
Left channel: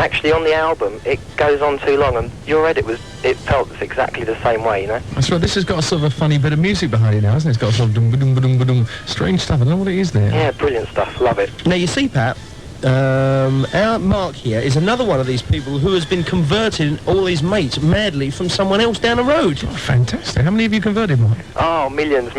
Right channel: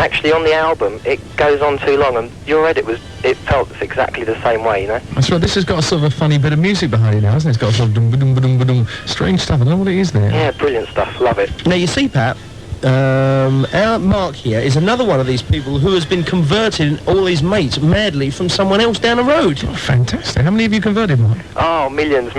actually on the album, it goes on too long, and your edit it felt exactly the same way, you know? I swear, this has got a sort of a funny bit of music behind it now, hasn't it? It's got sort of dum-ba-dum-ba-dum-ba-dum, strange stuff. I don't know what it is there. Yeah, brilliant stuff. Love it. Now, you see, Pat, our Mark here is another one of these people who has been converting all his mates madly from someone else down the road. Oh, fantastic. How many have you converted, Mark? Oh, millions.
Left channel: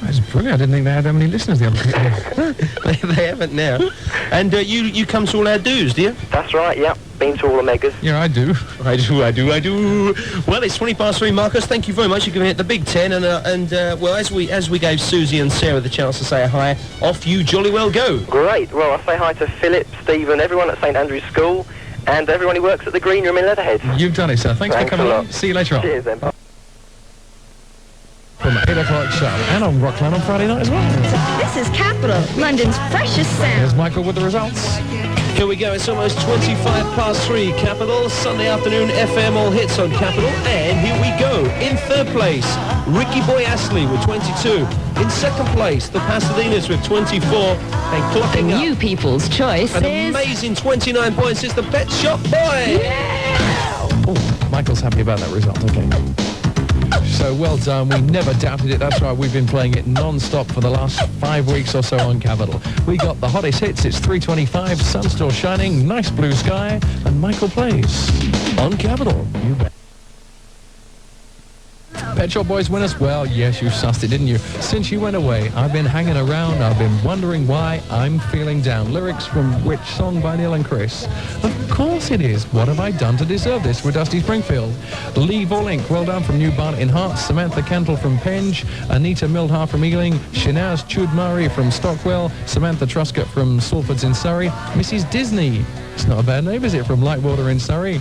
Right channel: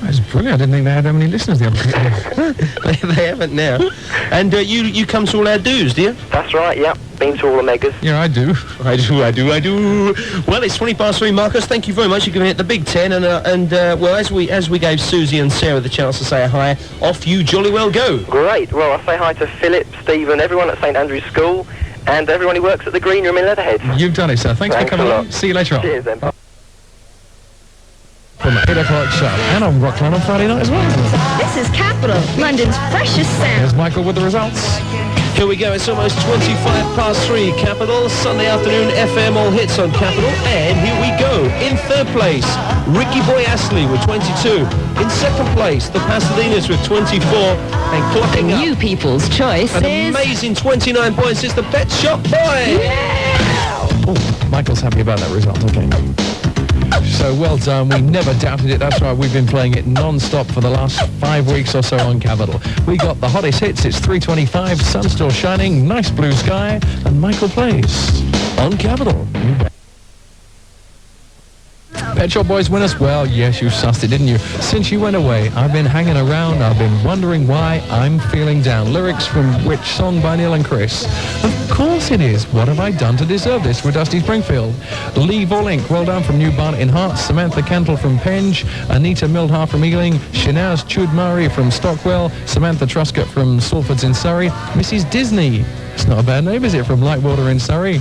That's brilliant. I didn't think they had that many listeners the other day. They haven't now. And you come to all our dues, do you? That's right, yeah. Been to all the megas. Yeah, I do. I do. Well, it's 3:20, Marcus. Thank you very much for giving it the big 10. Well, as we gave Susie and Sarah the chance to say hi, off you jolly well go. Great. Well, I say hi to Philip, Stephen, everyone at St Andrew's School, and everyone who works at the Green Room in Leatherhead. You've done it, sir. Thanks for coming on. See you later on. Cheers, then. From 8 o'clock show, and on Rockland on Friday night as well. This is Capital, London's freshest sound. Here's Michael with the results. Here we go, it's almost 3 Capital, Sunday afternoon FM All Hits on Capital, and here we go. In third place, Ricky Boy Astley with 22. In second place, the Pasadenas with 24. And clocking up, You people's choice an is... amazing 29 points, it's the Pet Shop Boys. Oh, Michael's happy about that result, okay. So well done, we never doubted it, that's why we've been playing it non-stop for the last 5 weeks or so on Capital. We got the hottest hits, it's 3:25, sun still shining, nice blue sky, and Michael plays on Capital. You bet. Pet Shop Boys win us? Well, yes, you sussed it, didn't you? Since you went away, I've been hanging around, I've been wondering why I'm feeling down. Lyrics from which song by Neil and Chris? Of course it is. What have I done to deserve this? With Dusty Springfield. Lee Vorlink, well done from New Barnet in Hearts. Samantha Cantle from Penge. Anita Mildhar from Ealing. Shinaz Chudmari from Stockwell. Samantha Truscott from Salfords in Surrey. Mrs. Disney. It's not a bad name, is it? From Lightwater in Surrey.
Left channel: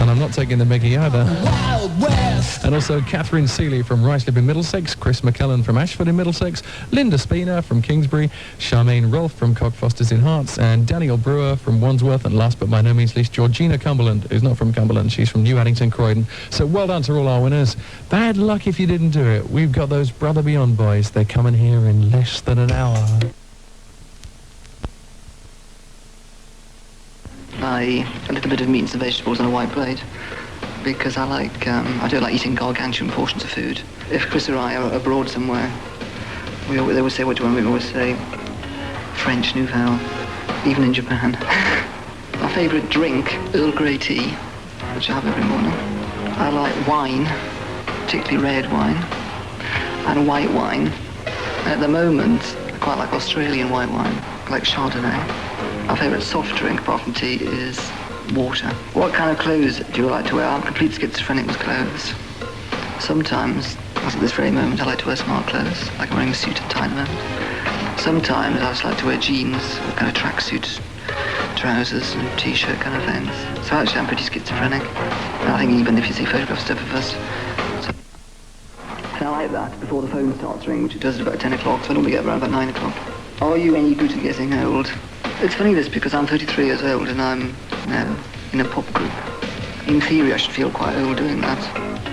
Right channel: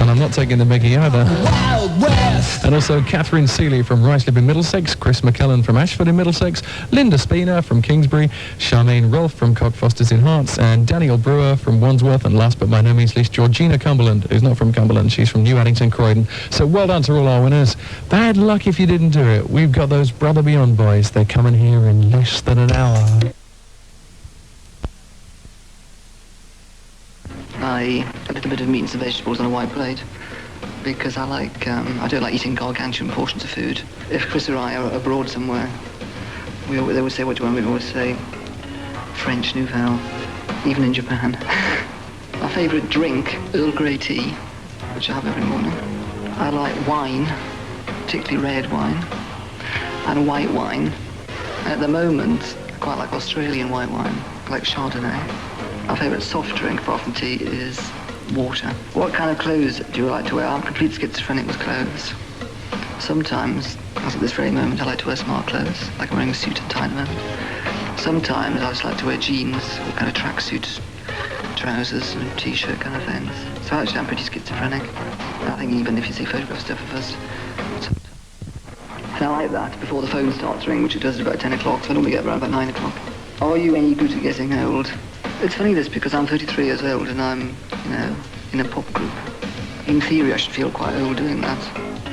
And I'm not taking the Mickey either. Wild West! And also Catherine Seeley from Ruislip in Middlesex, Chris McKellen from Ashford in Middlesex, Linda Spina from Kingsbury, Charmaine Rolfe from Cockfosters in Hearts, and Daniel Brewer from Wandsworth, and last but by no means least, Georgina Cumberland, who's not from Cumberland, she's from New Addington, Croydon. So well done to all our winners. Bad luck if you didn't do it. We've got those Brother Beyond boys. They're coming here in less than an hour. A little bit of meats and vegetables on a white plate because I don't like eating gargantuan portions of food. If Chris or I are abroad somewhere, they would say, what do you want? We always say French Nouveau, even in Japan. Our favourite drink, Earl Grey tea, which I have every morning. I like wine, particularly red wine, and white wine. At the moment, I quite like Australian white wine, like Chardonnay. Our favourite soft drink, apart from tea, is water. What kind of clothes do you like to wear? I'm complete schizophrenic with clothes. Sometimes, as at this very moment, I like to wear smart clothes, like I'm wearing a suit and tie at the moment. Sometimes I just like to wear jeans with kind of tracksuit trousers and t-shirt kind of things. So actually I'm pretty schizophrenic. And I think even if you see photographs of us, and I like that before the phone starts ringing, which it does at about 10 o'clock, so I normally get around about 9 o'clock. Are you any good at getting old? It's funny this because I'm 33 years old and I'm now in a pop group. In theory I should feel quite old doing that,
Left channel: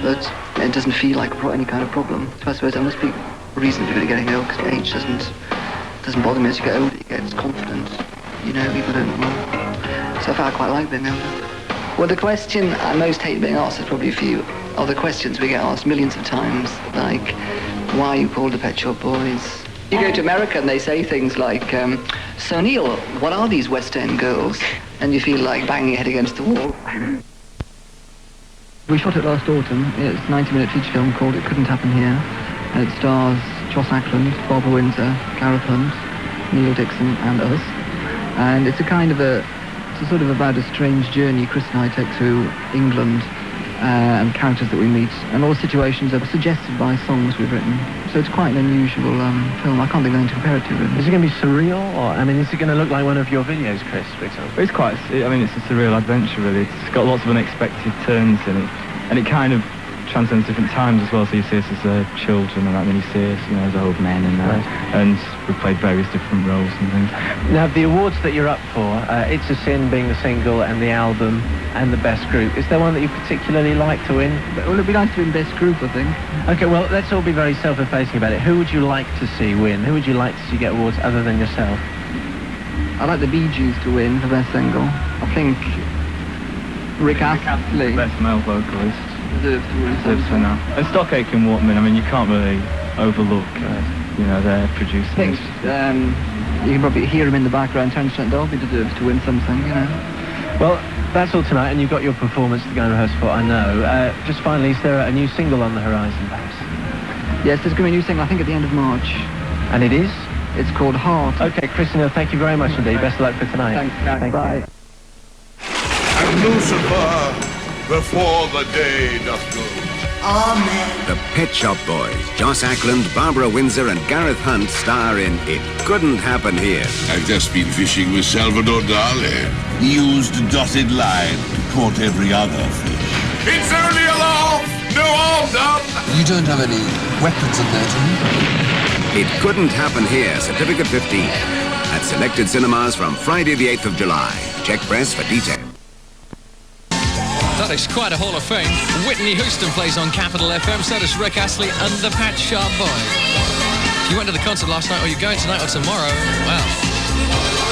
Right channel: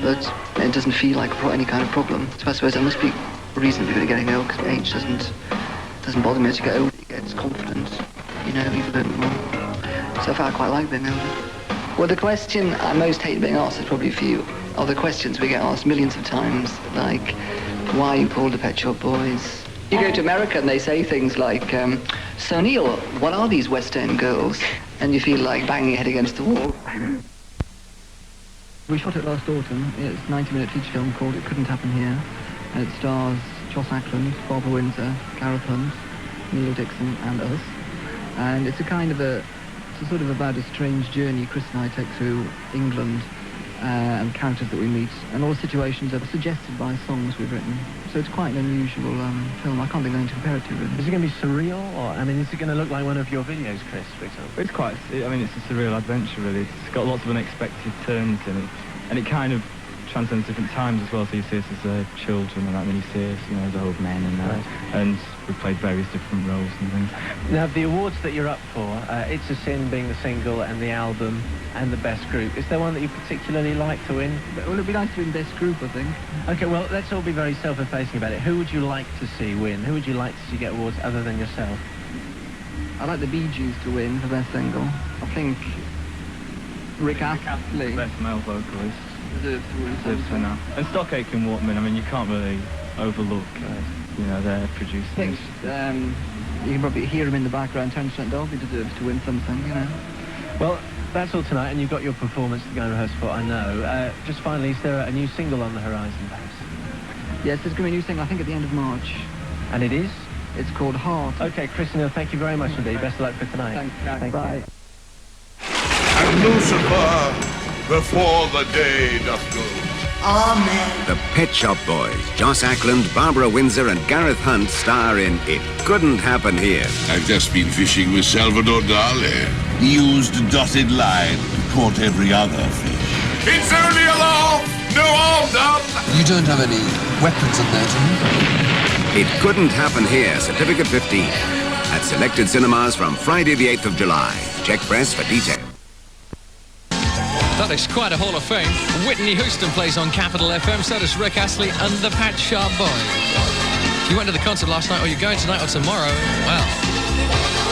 but it doesn't feel like any kind of problem. So I suppose I must be reasonably good at getting old because age doesn't bother me. As you get older you get confident, you know, people don't know. So I find I quite like being older. Well, the question I most hate being asked is probably a few of the questions we get asked millions of times, like why are you called the Pet Shop Boys? You go to America and they say things like, so Neil, what are these West End girls? And you feel like banging your head against the wall. We shot it last autumn. It's a 90-minute feature film called It Couldn't Happen Here. And it stars Joss Ackland, Barbara Windsor, Gareth Hunt, Neil Dixon and us. And it's it's sort of about a strange journey Chris and I take through England and characters that we meet. And all the situations are suggested by songs we've written. So it's quite an unusual film. I can't think of anything to compare it to, really. Is it going to be surreal, or, I mean, is it going to look like one of your videos, Chris, for example? It's quite, I mean, it's a surreal adventure, really. It's got lots of unexpected turns in it, and it kind of transcends different times as well, so you see us as children and that, then you see us, you know, as old men and that, and we've played various different roles and things. Now, the awards that you're up for, It's a Sin being the single and the album and the best group, is there one that you particularly like to win? Well, it'd be nice to win best group, I think. Okay, well, let's all be very self-effacing about it. Who would you like to see win? Who would you like to see get awards other than yourself? I like the Bee Gees to win for best single. I think Rick Astley. Best male vocalist. Deserves for now. And Stock Aitken Waterman, I mean, you can't really overlook, their producing. You can probably hear him in the background. Tennant Dolby deserves to win something, Well, that's all tonight, and you've got your performance to go and rehearse for, I know. Just finally, is there a new single on the horizon, perhaps? Yes, there's going to be a new single, I think, at the end of March. And it is? It's called Heart. Okay, Christina, thank you very much indeed. Best of luck for tonight. Thanks. Bye. And Lucifer, before the day doth go. Amen. The Pet Shop Boys, Joss Ackland, Barbara Windsor and Gareth Hunt star in It Couldn't Happen Here. I've just been fishing with Salvador Dali. He used a dotted line to quote every other fish. It's only a laugh, no harm done. You don't have any weapons in there, do you? It Couldn't Happen Here, Certificate 15. At selected cinemas from Friday the 8th of July. Check press for details. That is quite a Hall of Fame. Whitney Houston plays on Capital FM, so does Rick Astley and the Pet Shop Boys. You went to the concert last night, or you're going tonight or tomorrow, well,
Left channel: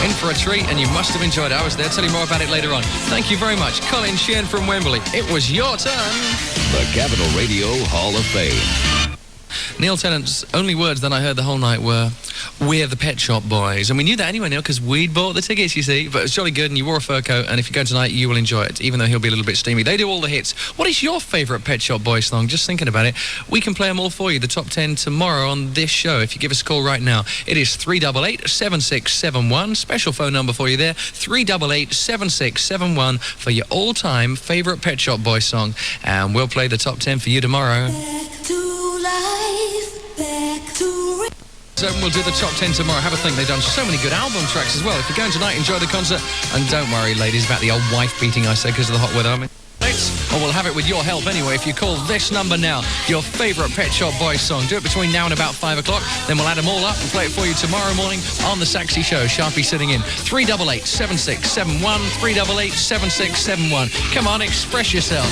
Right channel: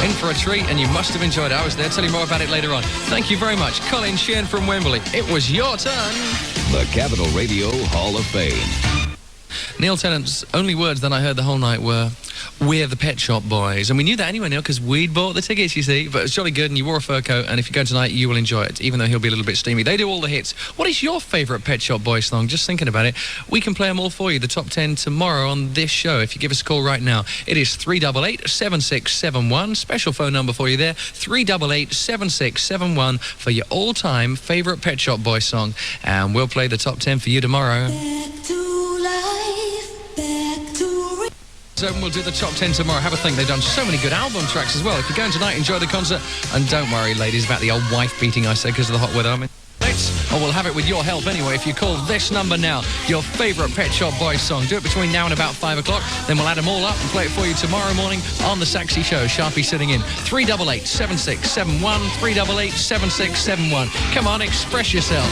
in for a treat, and you must have enjoyed it. I was there. I'll tell you more about it later on. Thank you very much. Colin Sheehan from Wembley. It was your turn. The Capital Radio Hall of Fame. Neil Tennant's only words that I heard the whole night were, "We're the Pet Shop Boys." And we knew that anyway, Neil, because we'd bought the tickets, you see. But it's jolly good, and you wore a fur coat, and if you go tonight, you will enjoy it, even though he'll be a little bit steamy. They do all the hits. What is your favourite Pet Shop Boys song? Just thinking about it. We can play them all for you, the top 10 tomorrow on this show, if you give us a call right now. It is 388-7671. Special phone number for you there, 388-7671 for your all-time favourite Pet Shop Boys song. And we'll play the top 10 for you tomorrow. So we'll do the top 10 tomorrow. Have a think. They've done so many good album tracks as well. If you're going tonight, enjoy the concert. And don't worry, ladies, about the old wife beating I said because of the hot weather. I mean, or we'll have it with your help anyway. If you call this number now, your favourite Pet Shop Boys song. Do it between now and about 5 o'clock. Then we'll add them all up and play it for you tomorrow morning on the Saxy Show. Sharpie sitting in. 388-7671. 388-7671. Come on, express yourself.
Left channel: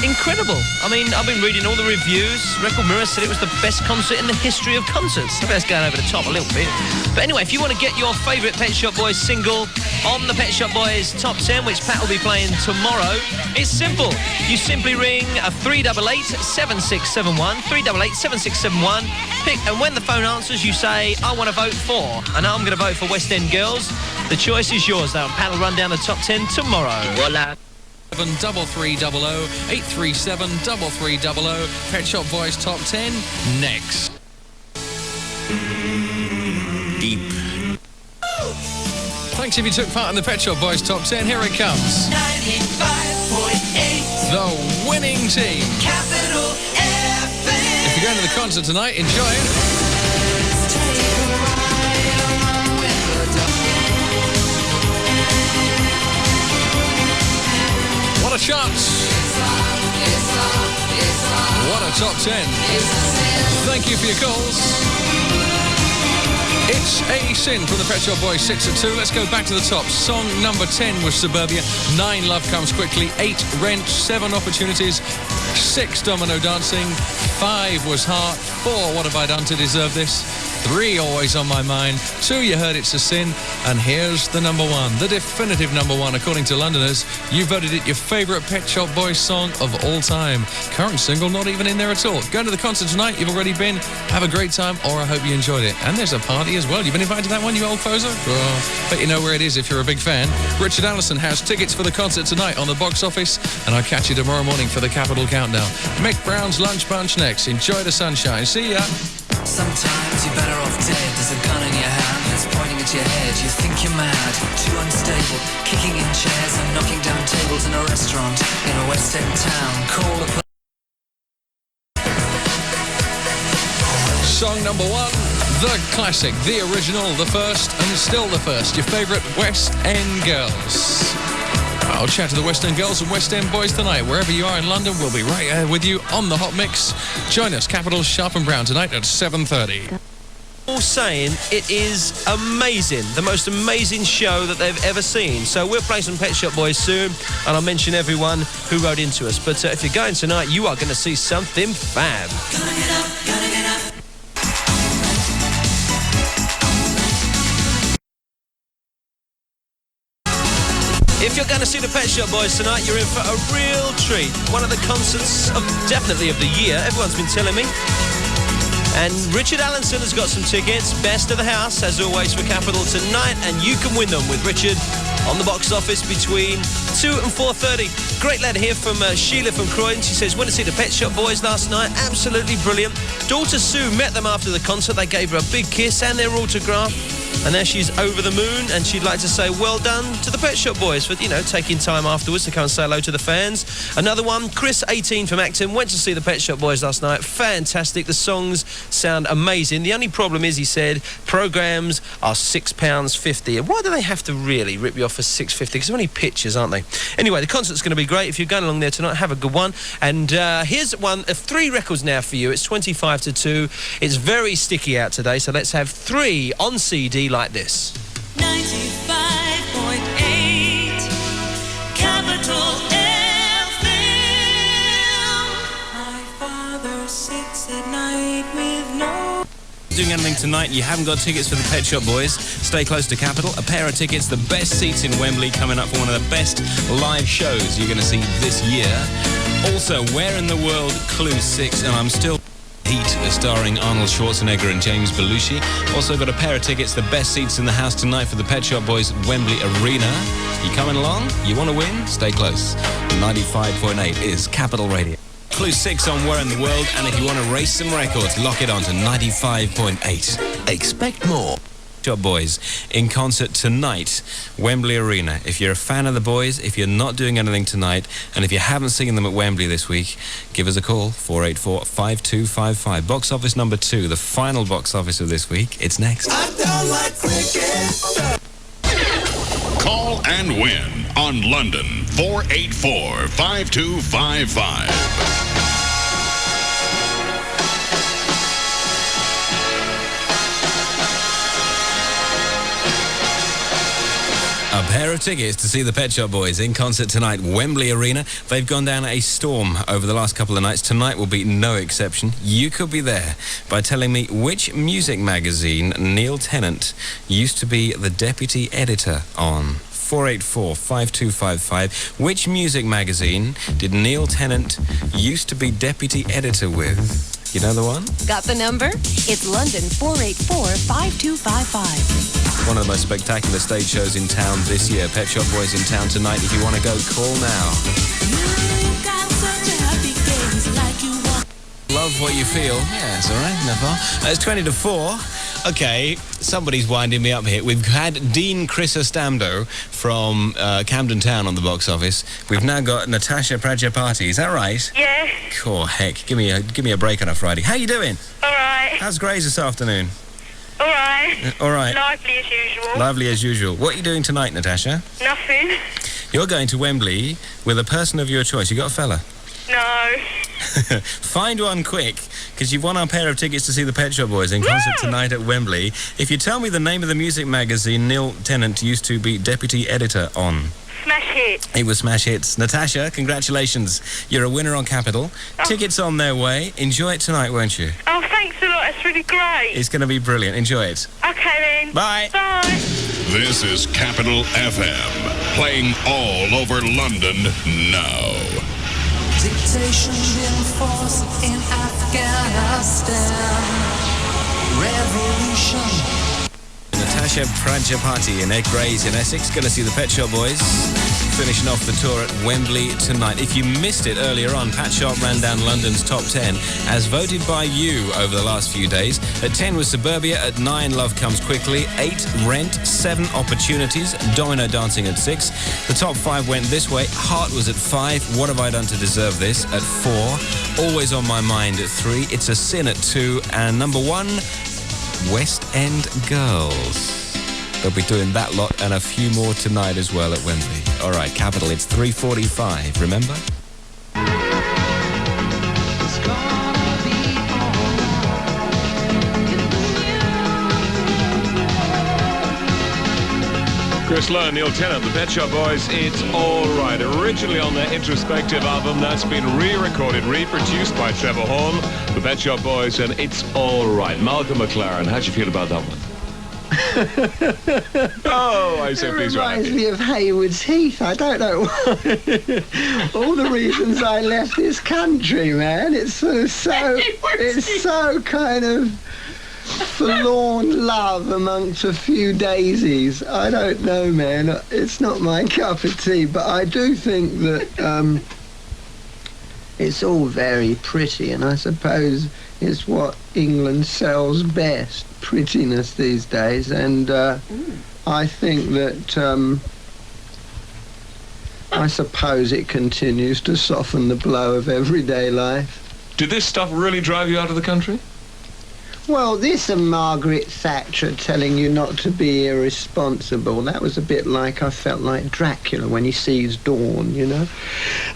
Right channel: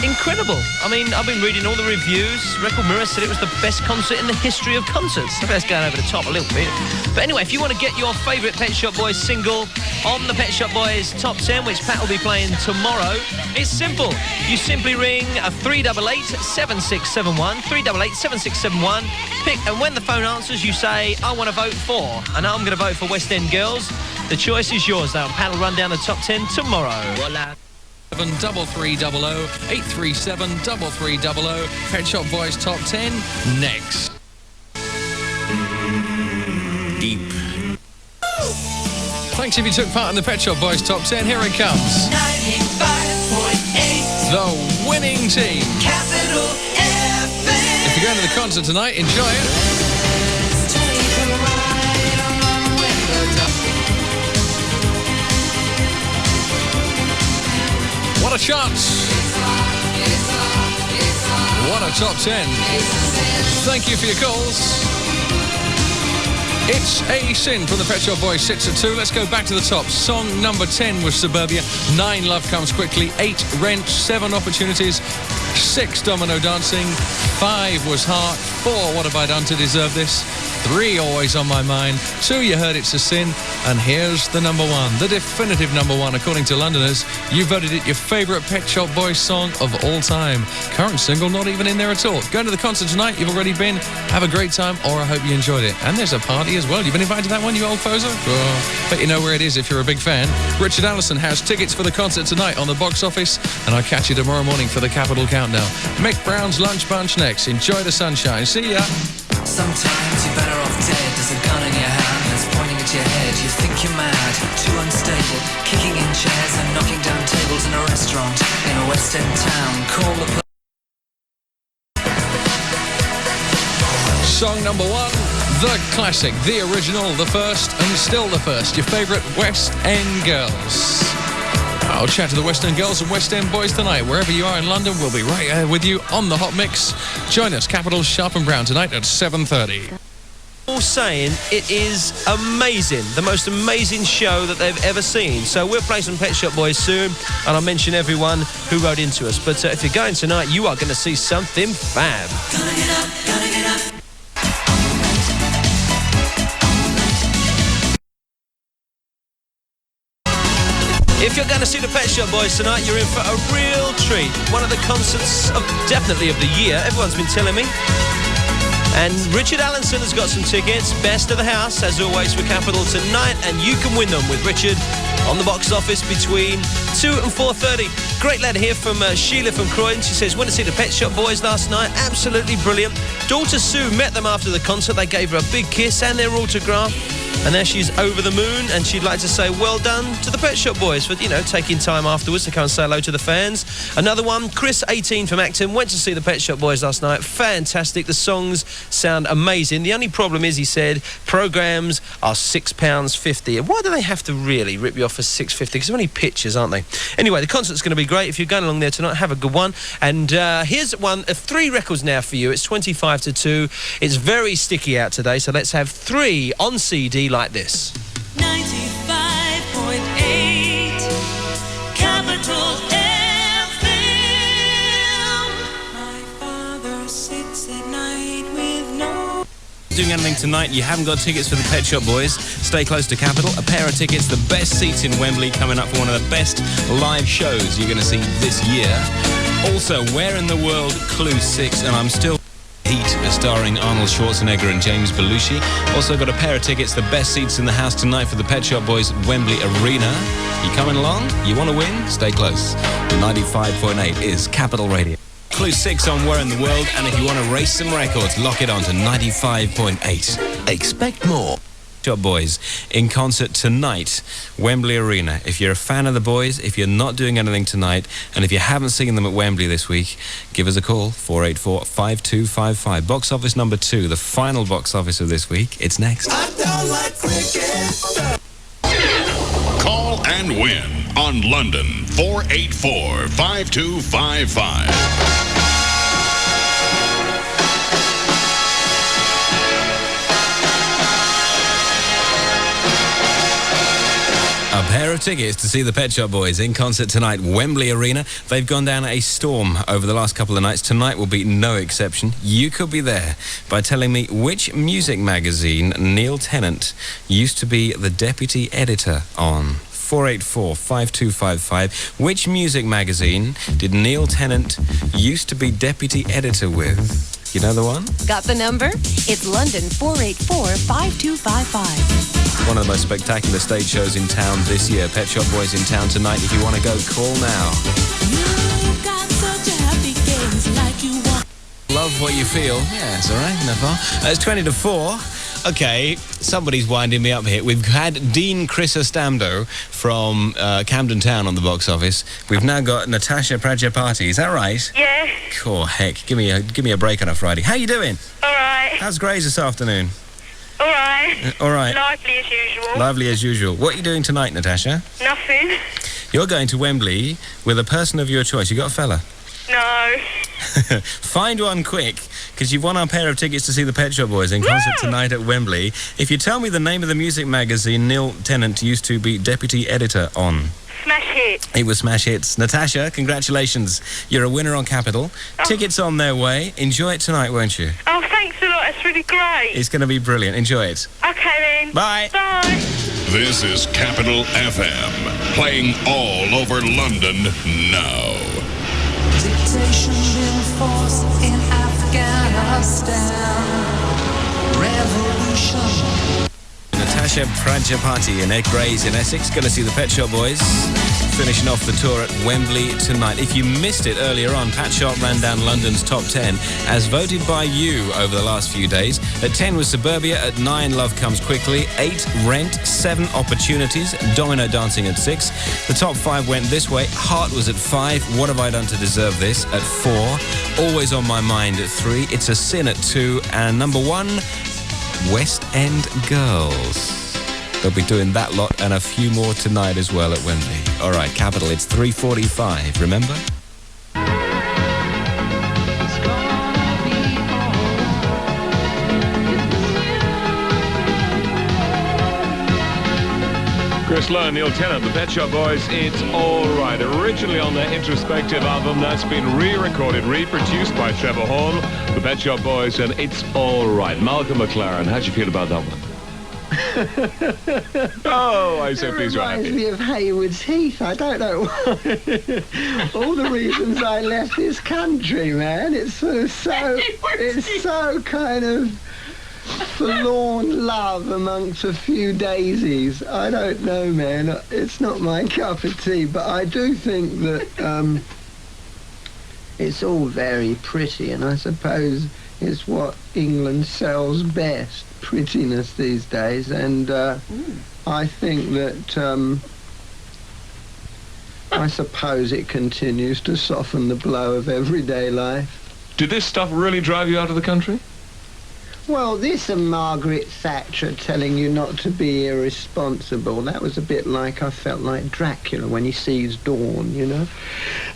Incredible. I mean, I've been reading all the reviews. Record Mirror said it was the best concert in the history of concerts. Maybe that's going over the top a little bit. But anyway, if you want to get your favourite Pet Shop Boys single on the Pet Shop Boys Top 10, which Pat will be playing tomorrow, it's simple. You simply ring a 388-7671, 388-7671, pick, and when the phone answers, you say, I want to vote for. And I'm going to vote for West End Girls. The choice is yours, though, and Pat will run down the top 10 tomorrow. Voila. 73300 837 3300. Pet Shop Boys Top 10 next. Deep. Thanks if you took part in the Pet Shop Boys Top 10. Here it comes. 95.8. The winning team. Capital FM. If you're going to the concert tonight, enjoy it. What a chart! What a top 10. Thank you for your calls. It's a Sin from the Pet Shop Boys, 6 at 2. Let's go back to the top. Song number 10 was Suburbia. 9, Love Comes Quickly. 8, Rent. 7, Opportunities. 6, Domino Dancing. 5 was Heart. 4, What Have I Done to Deserve This? 3, Always on My Mind. 2, You Heard It's a Sin. And here's the number 1, the definitive number 1, according to Londoners. You voted it your favourite Pet Shop Boys song of all time. Current single not even in there at all. Going to the concert tonight, you've already been. Have a great time, or I hope you enjoyed it. And there's a party as well. You've been invited to that one, you old poser? Well, bet you know where it is if you're a big fan. Richard Allison has tickets for the concert tonight on the box office, and I'll catch you tomorrow morning for the Capital Countdown. Mick Brown's Lunch Bunch next. Enjoy the sunshine. See ya. Sometimes you're better off dead. There's a gun in your hand that's pointing at your head. You think you're mad, too unstable, kicking in chairs and knocking down tables in a restaurant in a West End town. Call the Song number 1, the classic, the original, the first, and still the first. Your favourite West End girls. I'll chat to the West End girls and West End boys tonight. Wherever you are in London, we'll be right here with you on the Hot Mix. Join us, Capital Sharp and Brown, tonight at 7:30. All saying it is amazing, the most amazing show that they've ever seen. So we'll play some Pet Shop Boys soon, and I'll mention everyone who wrote into us. But if you're going tonight, you are going to see something fab. If you're going to see the Pet Shop Boys tonight, you're in for a real treat. One of the concerts definitely of the year. Everyone's been telling me. And Richard Allenson has got some tickets. Best of the house, as always, for Capital tonight. And you can win them with Richard on the box office between 2 and 4:30. Great letter here from Sheila from Croydon. She says, went to see the Pet Shop Boys last night. Absolutely brilliant. Daughter Sue met them after the concert. They gave her a big kiss and their autograph. And now she's over the moon, and she'd like to say well done to the Pet Shop Boys for, taking time afterwards to come and say hello to the fans. Another one, Chris, 18 from Acton, went to see the Pet Shop Boys last night. Fantastic. The songs sound amazing. The only problem is, he said, programs are £6.50. And why do they have to really rip you off for £6.50? Because they're only pictures, aren't they? Anyway, the concert's going to be great. If you're going along there tonight, have a good one. And here's one of 3 records now for you. It's 25 to 2. It's very sticky out today, so let's have 3 on CD like this. 95.8 Capital FM. My father sits at night with no... Doing anything tonight, you haven't got tickets for the Pet Shop Boys, stay close to Capital. A pair of tickets, the best seats in Wembley, coming up for one of the best live shows you're going to see this year. Also, Where in the World, Clue 6, and I'm still... Heat, starring Arnold Schwarzenegger and James Belushi. Also got a pair of tickets, the best seats in the house tonight for the Pet Shop Boys Wembley Arena. You coming along? You want to win? Stay close. 95.8 is Capital Radio. Clue 6 on Where in the World, and if you want to race some records, lock it on to 95.8. Expect more. Shop Boys in concert tonight, Wembley Arena. If you're a fan of the boys, if you're not doing anything tonight, and if you haven't seen them at Wembley this week, give us a call, 484-5255. Box office number 2, the final box office of this week. It's next. Call and win on London, 484-5255. A pair of tickets to see the Pet Shop Boys in concert tonight, Wembley Arena. They've gone down a storm over the last couple of nights. Tonight will be no exception. You could be there by telling me which music magazine Neil Tennant used to be the deputy editor on. 484-5255. Which music magazine did Neil Tennant used to be deputy editor with? You know the one? Got the number? It's London 484-5255. One of the most spectacular stage shows in town this year. Pet Shop Boys in town tonight. If you want to go, call now. Love what you feel. Yeah, it's all right. No problem. It's 20 to 4. Okay, somebody's winding me up here. We've had Dean Chrysostamdo from Camden Town on the box office. We've now got Natasha Prajapati. Is that right? Yes. Cool, heck. Give me a break on a Friday. How you doing? All right. How's Grays this afternoon? All right. All right. Lively as usual. Lovely as usual. What are you doing tonight, Natasha? Nothing. You're going to Wembley with a person of your choice. You got a fella? No. Find one quick, because you've won our pair of tickets to see the Pet Shop Boys in concert tonight at Wembley. If you tell me the name of the music magazine Neil Tennant used to be deputy editor on. Smash Hits. It was Smash Hits. Natasha, congratulations. You're a winner on Capital. Oh. Tickets on their way. Enjoy it tonight, won't you? Oh, thanks a lot. It's really great. It's going to be brilliant. Enjoy it. Okay, then. Bye. Bye. This is Capital FM, playing all over London now. Dictation being forced in Afghanistan. Revolution. Natasha Prajapati and Ed Grays in Essex, going to see the Pet Shop Boys finishing off the tour at Wembley tonight. If you missed it earlier on, Pat Sharp ran down London's top 10 as voted by you over the last few days. At 10 was Suburbia, at 9 Love Comes Quickly, 8 Rent, 7 Opportunities, Domino Dancing at 6. The top 5 went this way. Heart was at 5, What Have I Done to Deserve This at 4, Always on My Mind at 3, It's a Sin at 2, and number 1, West End Girls. They'll be doing that lot and a few more tonight as well at Wembley. All right, Capital, it's 3:45, remember? Chris Lowe and Neil Tennant, the Pet Shop Boys, It's All Right. Originally on their introspective album, that's been re-recorded, reproduced by Trevor Horn, the Pet Shop Boys, and It's All Right. Malcolm McLaren, how do you feel about that one? Oh, I say please right. Reminds me of Haywards Heath. I don't know why. All the reasons I left this country, man. It's so kind of forlorn love amongst a few daisies. I don't know, man. It's not my cup of tea, but I do think that it's all very pretty, and I suppose it's what England sells best, prettiness these days, and I think that I suppose it continues to soften the blow of everyday life. Did this stuff really drive you out of the country? Well, this and Margaret Thatcher telling you not to be irresponsible, that was a bit like, I felt like Dracula when he sees dawn, you know,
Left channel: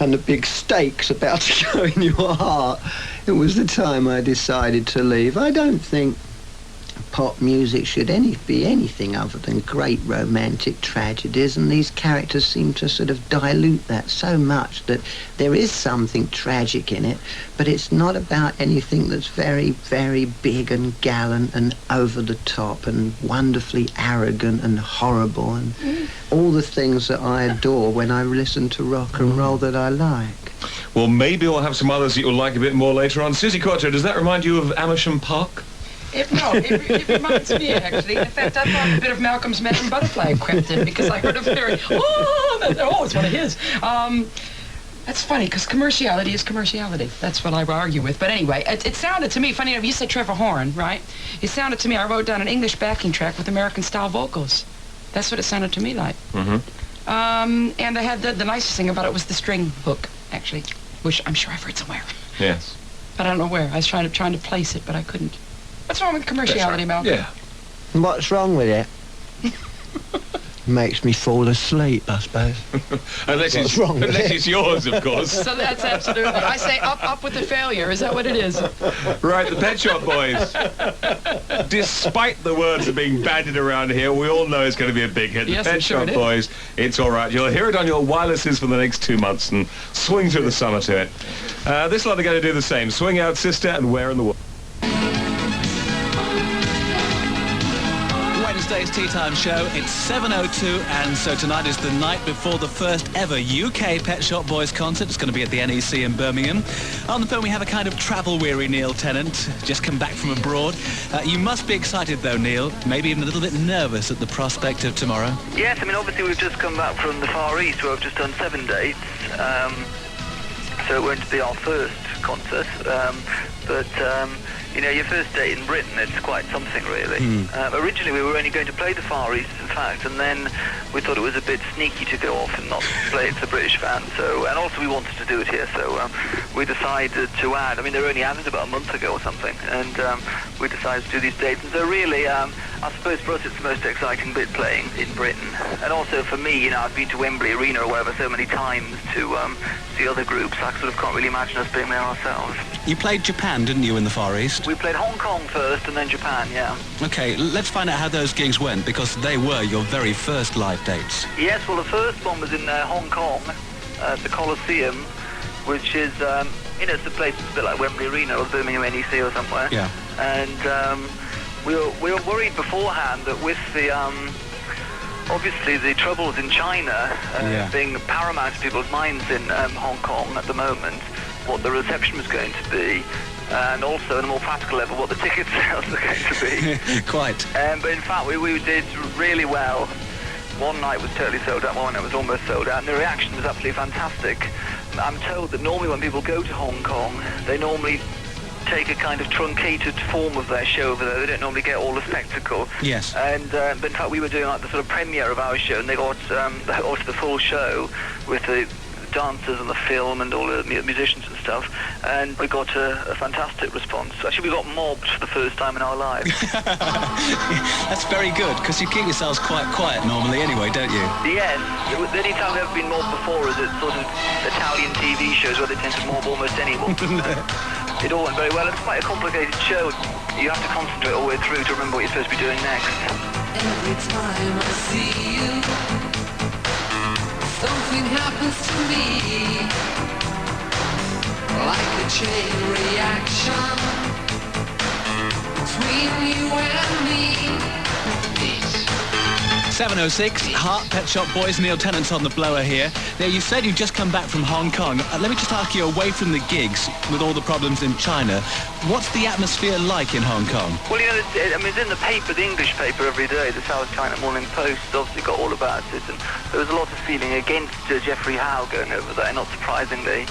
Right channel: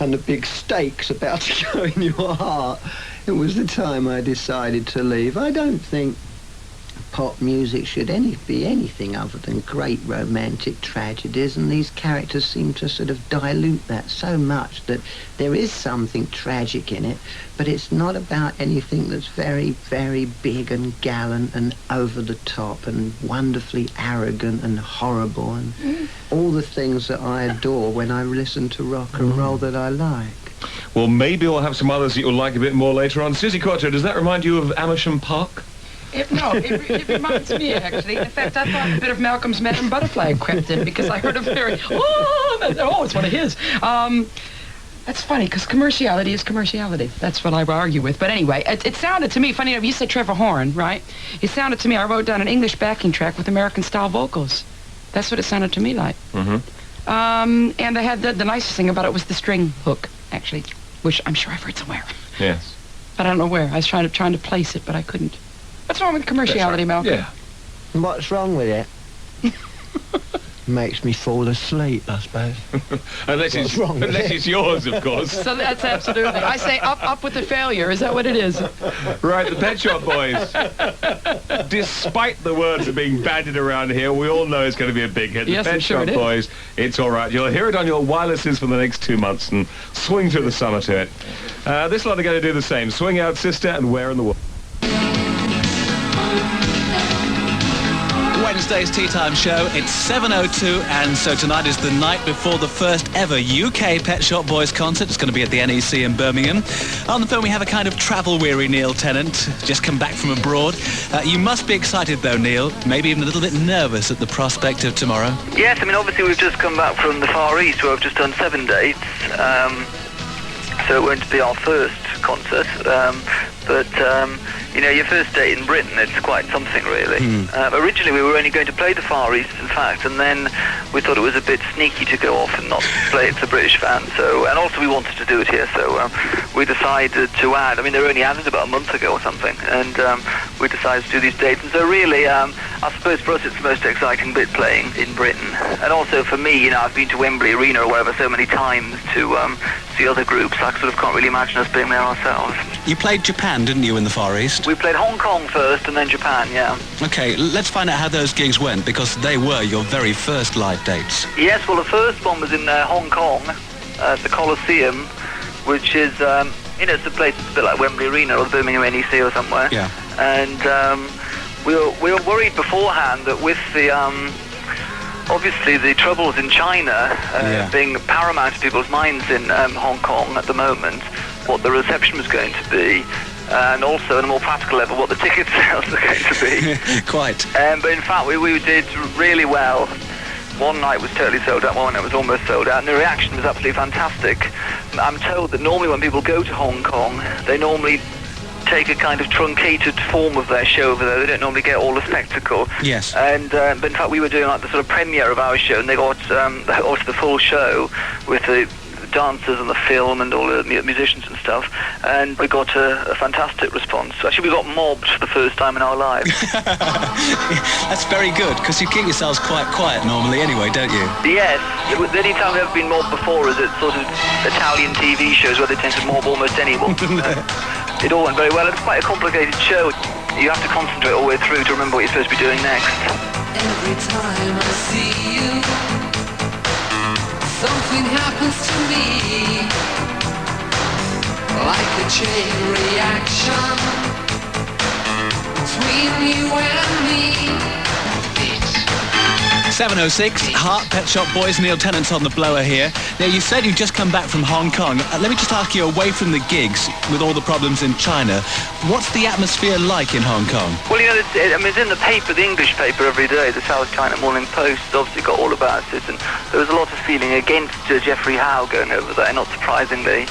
and the big stakes about to go in your heart. It was the time I decided to leave. I don't think pop music should be anything other than great romantic tragedies, and these characters seem to sort of dilute that so much that there is something tragic in it, but it's not about anything that's very, very big and gallant and over the top and wonderfully arrogant and horrible and all the things that I adore when I listen to rock and roll that I like. Well, maybe we'll have some others that you'll like a bit more later on. Susie Quattro, does that remind you of Amersham Park? It reminds me, actually. In fact, I thought a bit of Malcolm's Madam Butterfly crept in because I heard a very, it's one of his. That's funny, because commerciality is commerciality. That's what I argue with. But anyway, it sounded to me, funny enough, you said Trevor Horn, right? It sounded to me, I wrote down an English backing track with American-style vocals. That's what it sounded to me like. Mm-hmm. And they had the nicest thing about it was the string hook, actually, which I'm sure I've heard somewhere. Yes. But I don't know where. I was trying to place it, but I couldn't. What's wrong with commerciality, Malcolm? Yeah. What's wrong with it? Makes me fall asleep, I suppose. unless it's yours, of course. So that's absolutely. I say up with the failure. Is that what it is? Right, the Pet Shop Boys. Despite the words that are being bandied around here, we all know it's going to be a big hit. Yes, the Pet sure Shop Boys, It's All Right. You'll hear it on your wirelesses for the next 2 months and swing through the summer to it. This lot are going to do the same. Swing Out Sister and Where in the World. Wednesday's Tea Time Show. It's 7:02, and so tonight is the night before the first ever UK Pet Shop Boys concert. It's going to be at the NEC in Birmingham. On the phone we have a kind of travel-weary Neil Tennant, just come back from abroad. You must be excited though, Neil, maybe even a little bit nervous at the prospect of tomorrow. Yes, I mean, obviously we've just come back from the Far East where I've just done 7 dates, so it won't be our first concert, but you know, your first date in Britain, it's quite something, really. Originally, we were only going to play the Far East, in fact, and then we thought it was a bit sneaky to go off and not play it to British fans. So, and also we wanted to do it here, so we decided to add. I mean, they were only added about a month ago or something, and we decided to do these dates. And so, really, I suppose for us, it's the most exciting bit playing in Britain. And also for me, you know, I've been to Wembley Arena or whatever so many times to see other groups. I sort of can't really imagine us being there ourselves. You played Japan, didn't you, in the Far East? We played Hong Kong first and then Japan, yeah. Okay, let's find out how those gigs went, because they were your very first live dates. Yes, well, the first one was in Hong Kong, the Coliseum, which is, you know, it's a place that's a bit like Wembley Arena or the Birmingham NEC or somewhere. Yeah. And we were worried beforehand that with the, obviously the troubles in China being paramount to people's minds in Hong Kong at the moment, what the reception was going to be, and also on a more practical level what the ticket sales are going to be. Quite. But in fact we did really well. One night was totally sold out, one night was almost sold out, and the reaction was absolutely fantastic. I'm told that normally when people go to Hong Kong, they normally take a kind of truncated form of their show over there. They don't normally get all the spectacle. Yes. And but in fapt we were doing like the sort of premiere of our show, and they got the full show with the dancers and the film and all the musicians and stuff, and we got a fantastic response. Actually, we got mobbed for the first time in our lives. That's very good, because you keep yourselves quite quiet normally anyway, don't you? Yes. The only time we've ever been mobbed before is at sort of Italian TV shows where they tend to mob almost anyone. It all went very well. It's quite a complicated show. You have to concentrate all the way through to remember what you're supposed to be doing next. Every time I see you something happens to me, like a chain reaction between you and me. 7:06, Heart, Pet Shop Boys, Neil Tennant's on the blower here. Now, you said you'd just come back from Hong Kong. Let me just ask you, away from the gigs, with all the problems in China, what's the atmosphere like in Hong Kong? Well, you know, it's in the paper, the English paper every day, the South China Morning Post, obviously got all about it, and there was a lot of feeling against Geoffrey Howe going over there, not surprisingly.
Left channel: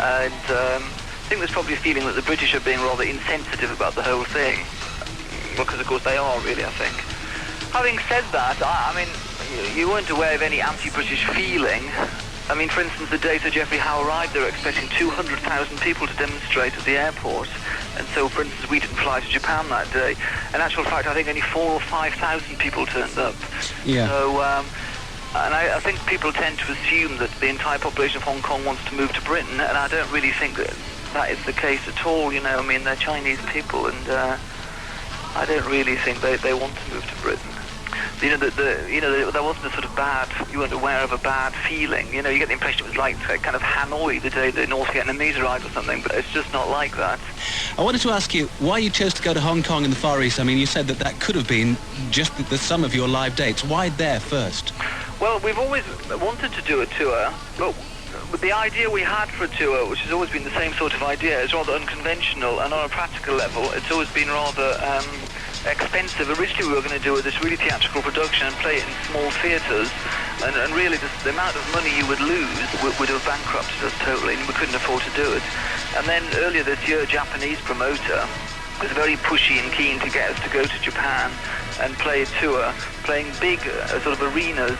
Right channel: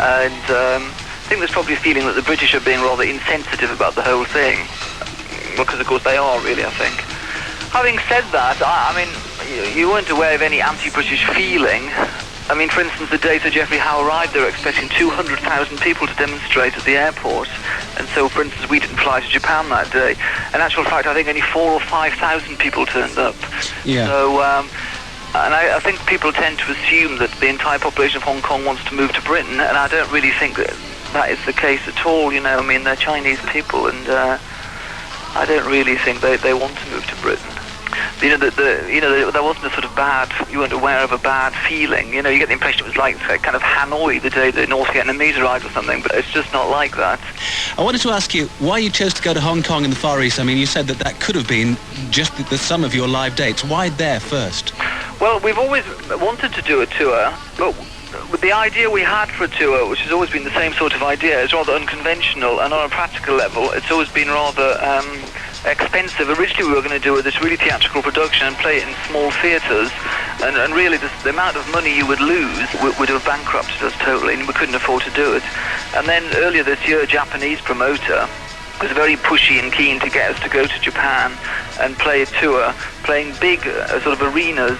And I think there's probably a feeling that the British are being rather insensitive about the whole thing. Because, of course, they are, really, I think. Having said that, I mean, you weren't aware of any anti-British feeling. I mean, for instance, the day Sir Geoffrey Howe arrived, they were expecting 200,000 people to demonstrate at the airport. And so, for instance, we didn't fly to Japan that day. In actual fact, I think only 4,000 or 5,000 people turned up. Yeah. So, and I think people tend to assume that the entire population of Hong Kong wants to move to Britain, and I don't really think that is the case at all, you know. I mean, they're Chinese people, and I don't really think they want to move to Britain. You know, there wasn't a sort of bad, you weren't aware of a bad feeling. You know, you get the impression it was like kind of Hanoi the day the North Vietnamese arrived or something, but it's just not like that. I wanted to ask you why you chose to go to Hong Kong in the Far East. I mean, you said that could have been just the sum of your live dates. Why there first? Well, we've always wanted to do a tour, but with the idea we had for a tour, which has always been the same sort of idea, is rather unconventional, and on a practical level, it's always been rather expensive. Originally we were going to do this really theatrical production and play it in small theatres, and really the amount of money you would lose would have bankrupted us totally, and we couldn't afford to do it. And then earlier this year, a Japanese promoter was very pushy and keen to get us to go to Japan and play a tour, playing big sort of arenas.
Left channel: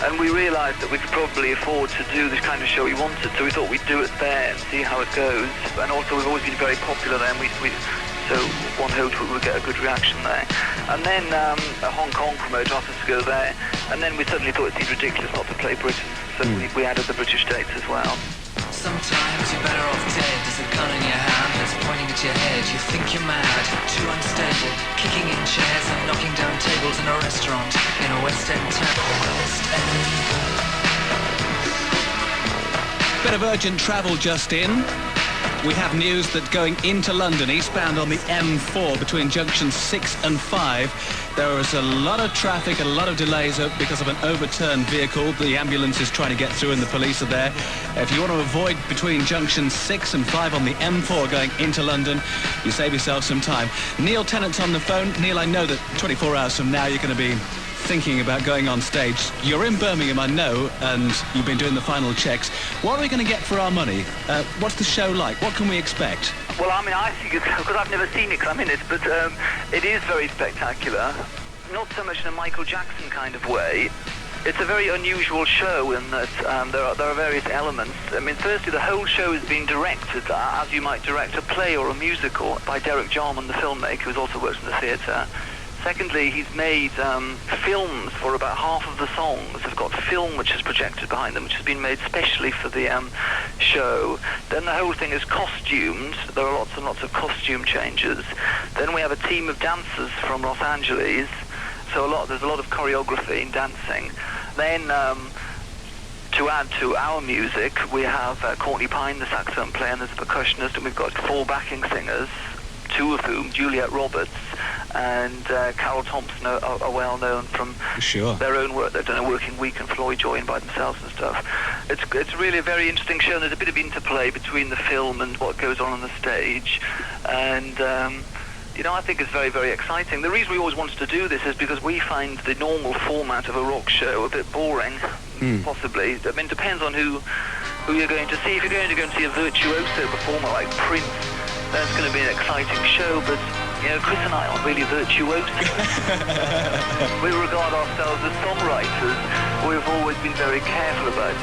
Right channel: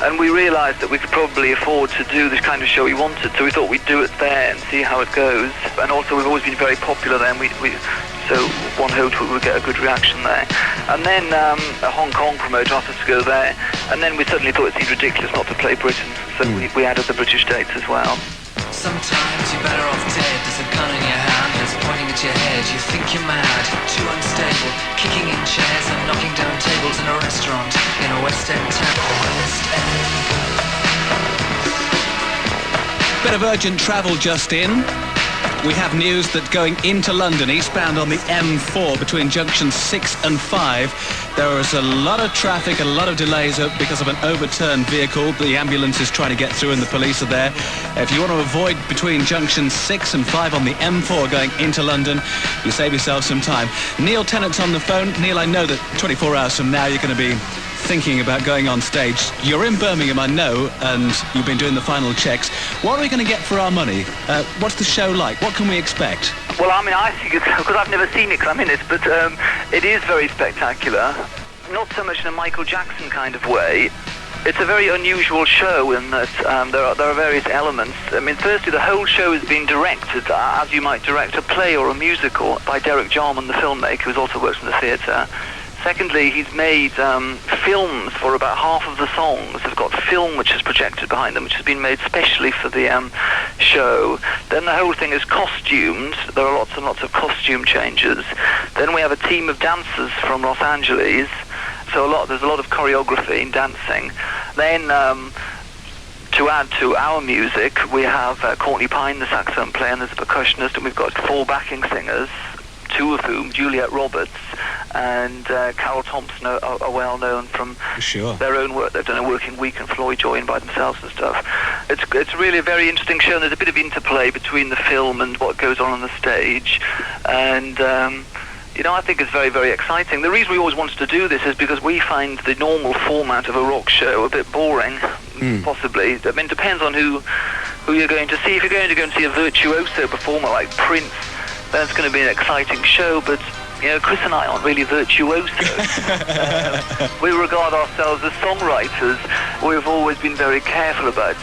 And we realised that we could probably afford to do this kind of show we wanted, so we thought we'd do it there and see how it goes. And also we've always been very popular there, and so one hoped we would get a good reaction there. And then a Hong Kong promoter asked us to go there, and then we suddenly thought it seemed ridiculous not to play Britain, so we added the British dates as well. Sometimes you're better off dead. There's a gun in your hand that's pointing at your head. You think you're mad, too unstable, kicking in chairs and knocking down tables in a restaurant in a West End town. Bit of urgent travel just in. We have news that going into London, eastbound on the M4 between junctions 6 and 5, there was a lot of traffic, a lot of delays because of an overturned vehicle. The ambulance is trying to get through and the police are there. If you want to avoid between junctions 6 and 5 on the M4 going into London, you save yourself some time. Neil Tennant's on the phone. Neil, I know that 24 hours from now you're going to be thinking about going on stage. You're in Birmingham, I know, and you've been doing the final checks. What are we going to get for our money? What's the show like? What can we expect? Well, I mean, I think it's, because I've never seen it because I'm in it, but it is very spectacular. Not so much in a Michael Jackson kind of way. It's a very unusual show in that there are various elements. I mean, firstly, the whole show is being directed as you might direct a play or a musical by Derek Jarman, the filmmaker, who's also works in the theatre. Secondly, he's made films for about half of the songs. They've got film which is projected behind them, which has been made specially for the show. Then the whole thing is costumed. There are lots and lots of costume changes. Then we have a team of dancers from Los Angeles. So there's a lot of choreography and dancing. Then to add to our music, we have Courtney Pine, the saxophone player, and there's a percussionist, and we've got 4 backing singers, 2 of whom, Juliet Roberts and Carol Thompson, are well known from their own work. They've done A Working Week and Floyd Joy and by themselves and stuff. It's really a very interesting show, and there's a bit of interplay between the film and what goes on the stage. And you know, I think it's very, very exciting. The reason we always wanted to do this is because we find the normal format of a rock show a bit boring, possibly. I mean, it depends on who you're going to see. If you're going to go and see a virtuoso performer like Prince, that's going to be an exciting show, but you know, Chris and I aren't really virtuosos. We regard ourselves as songwriters. We've always been very careful about,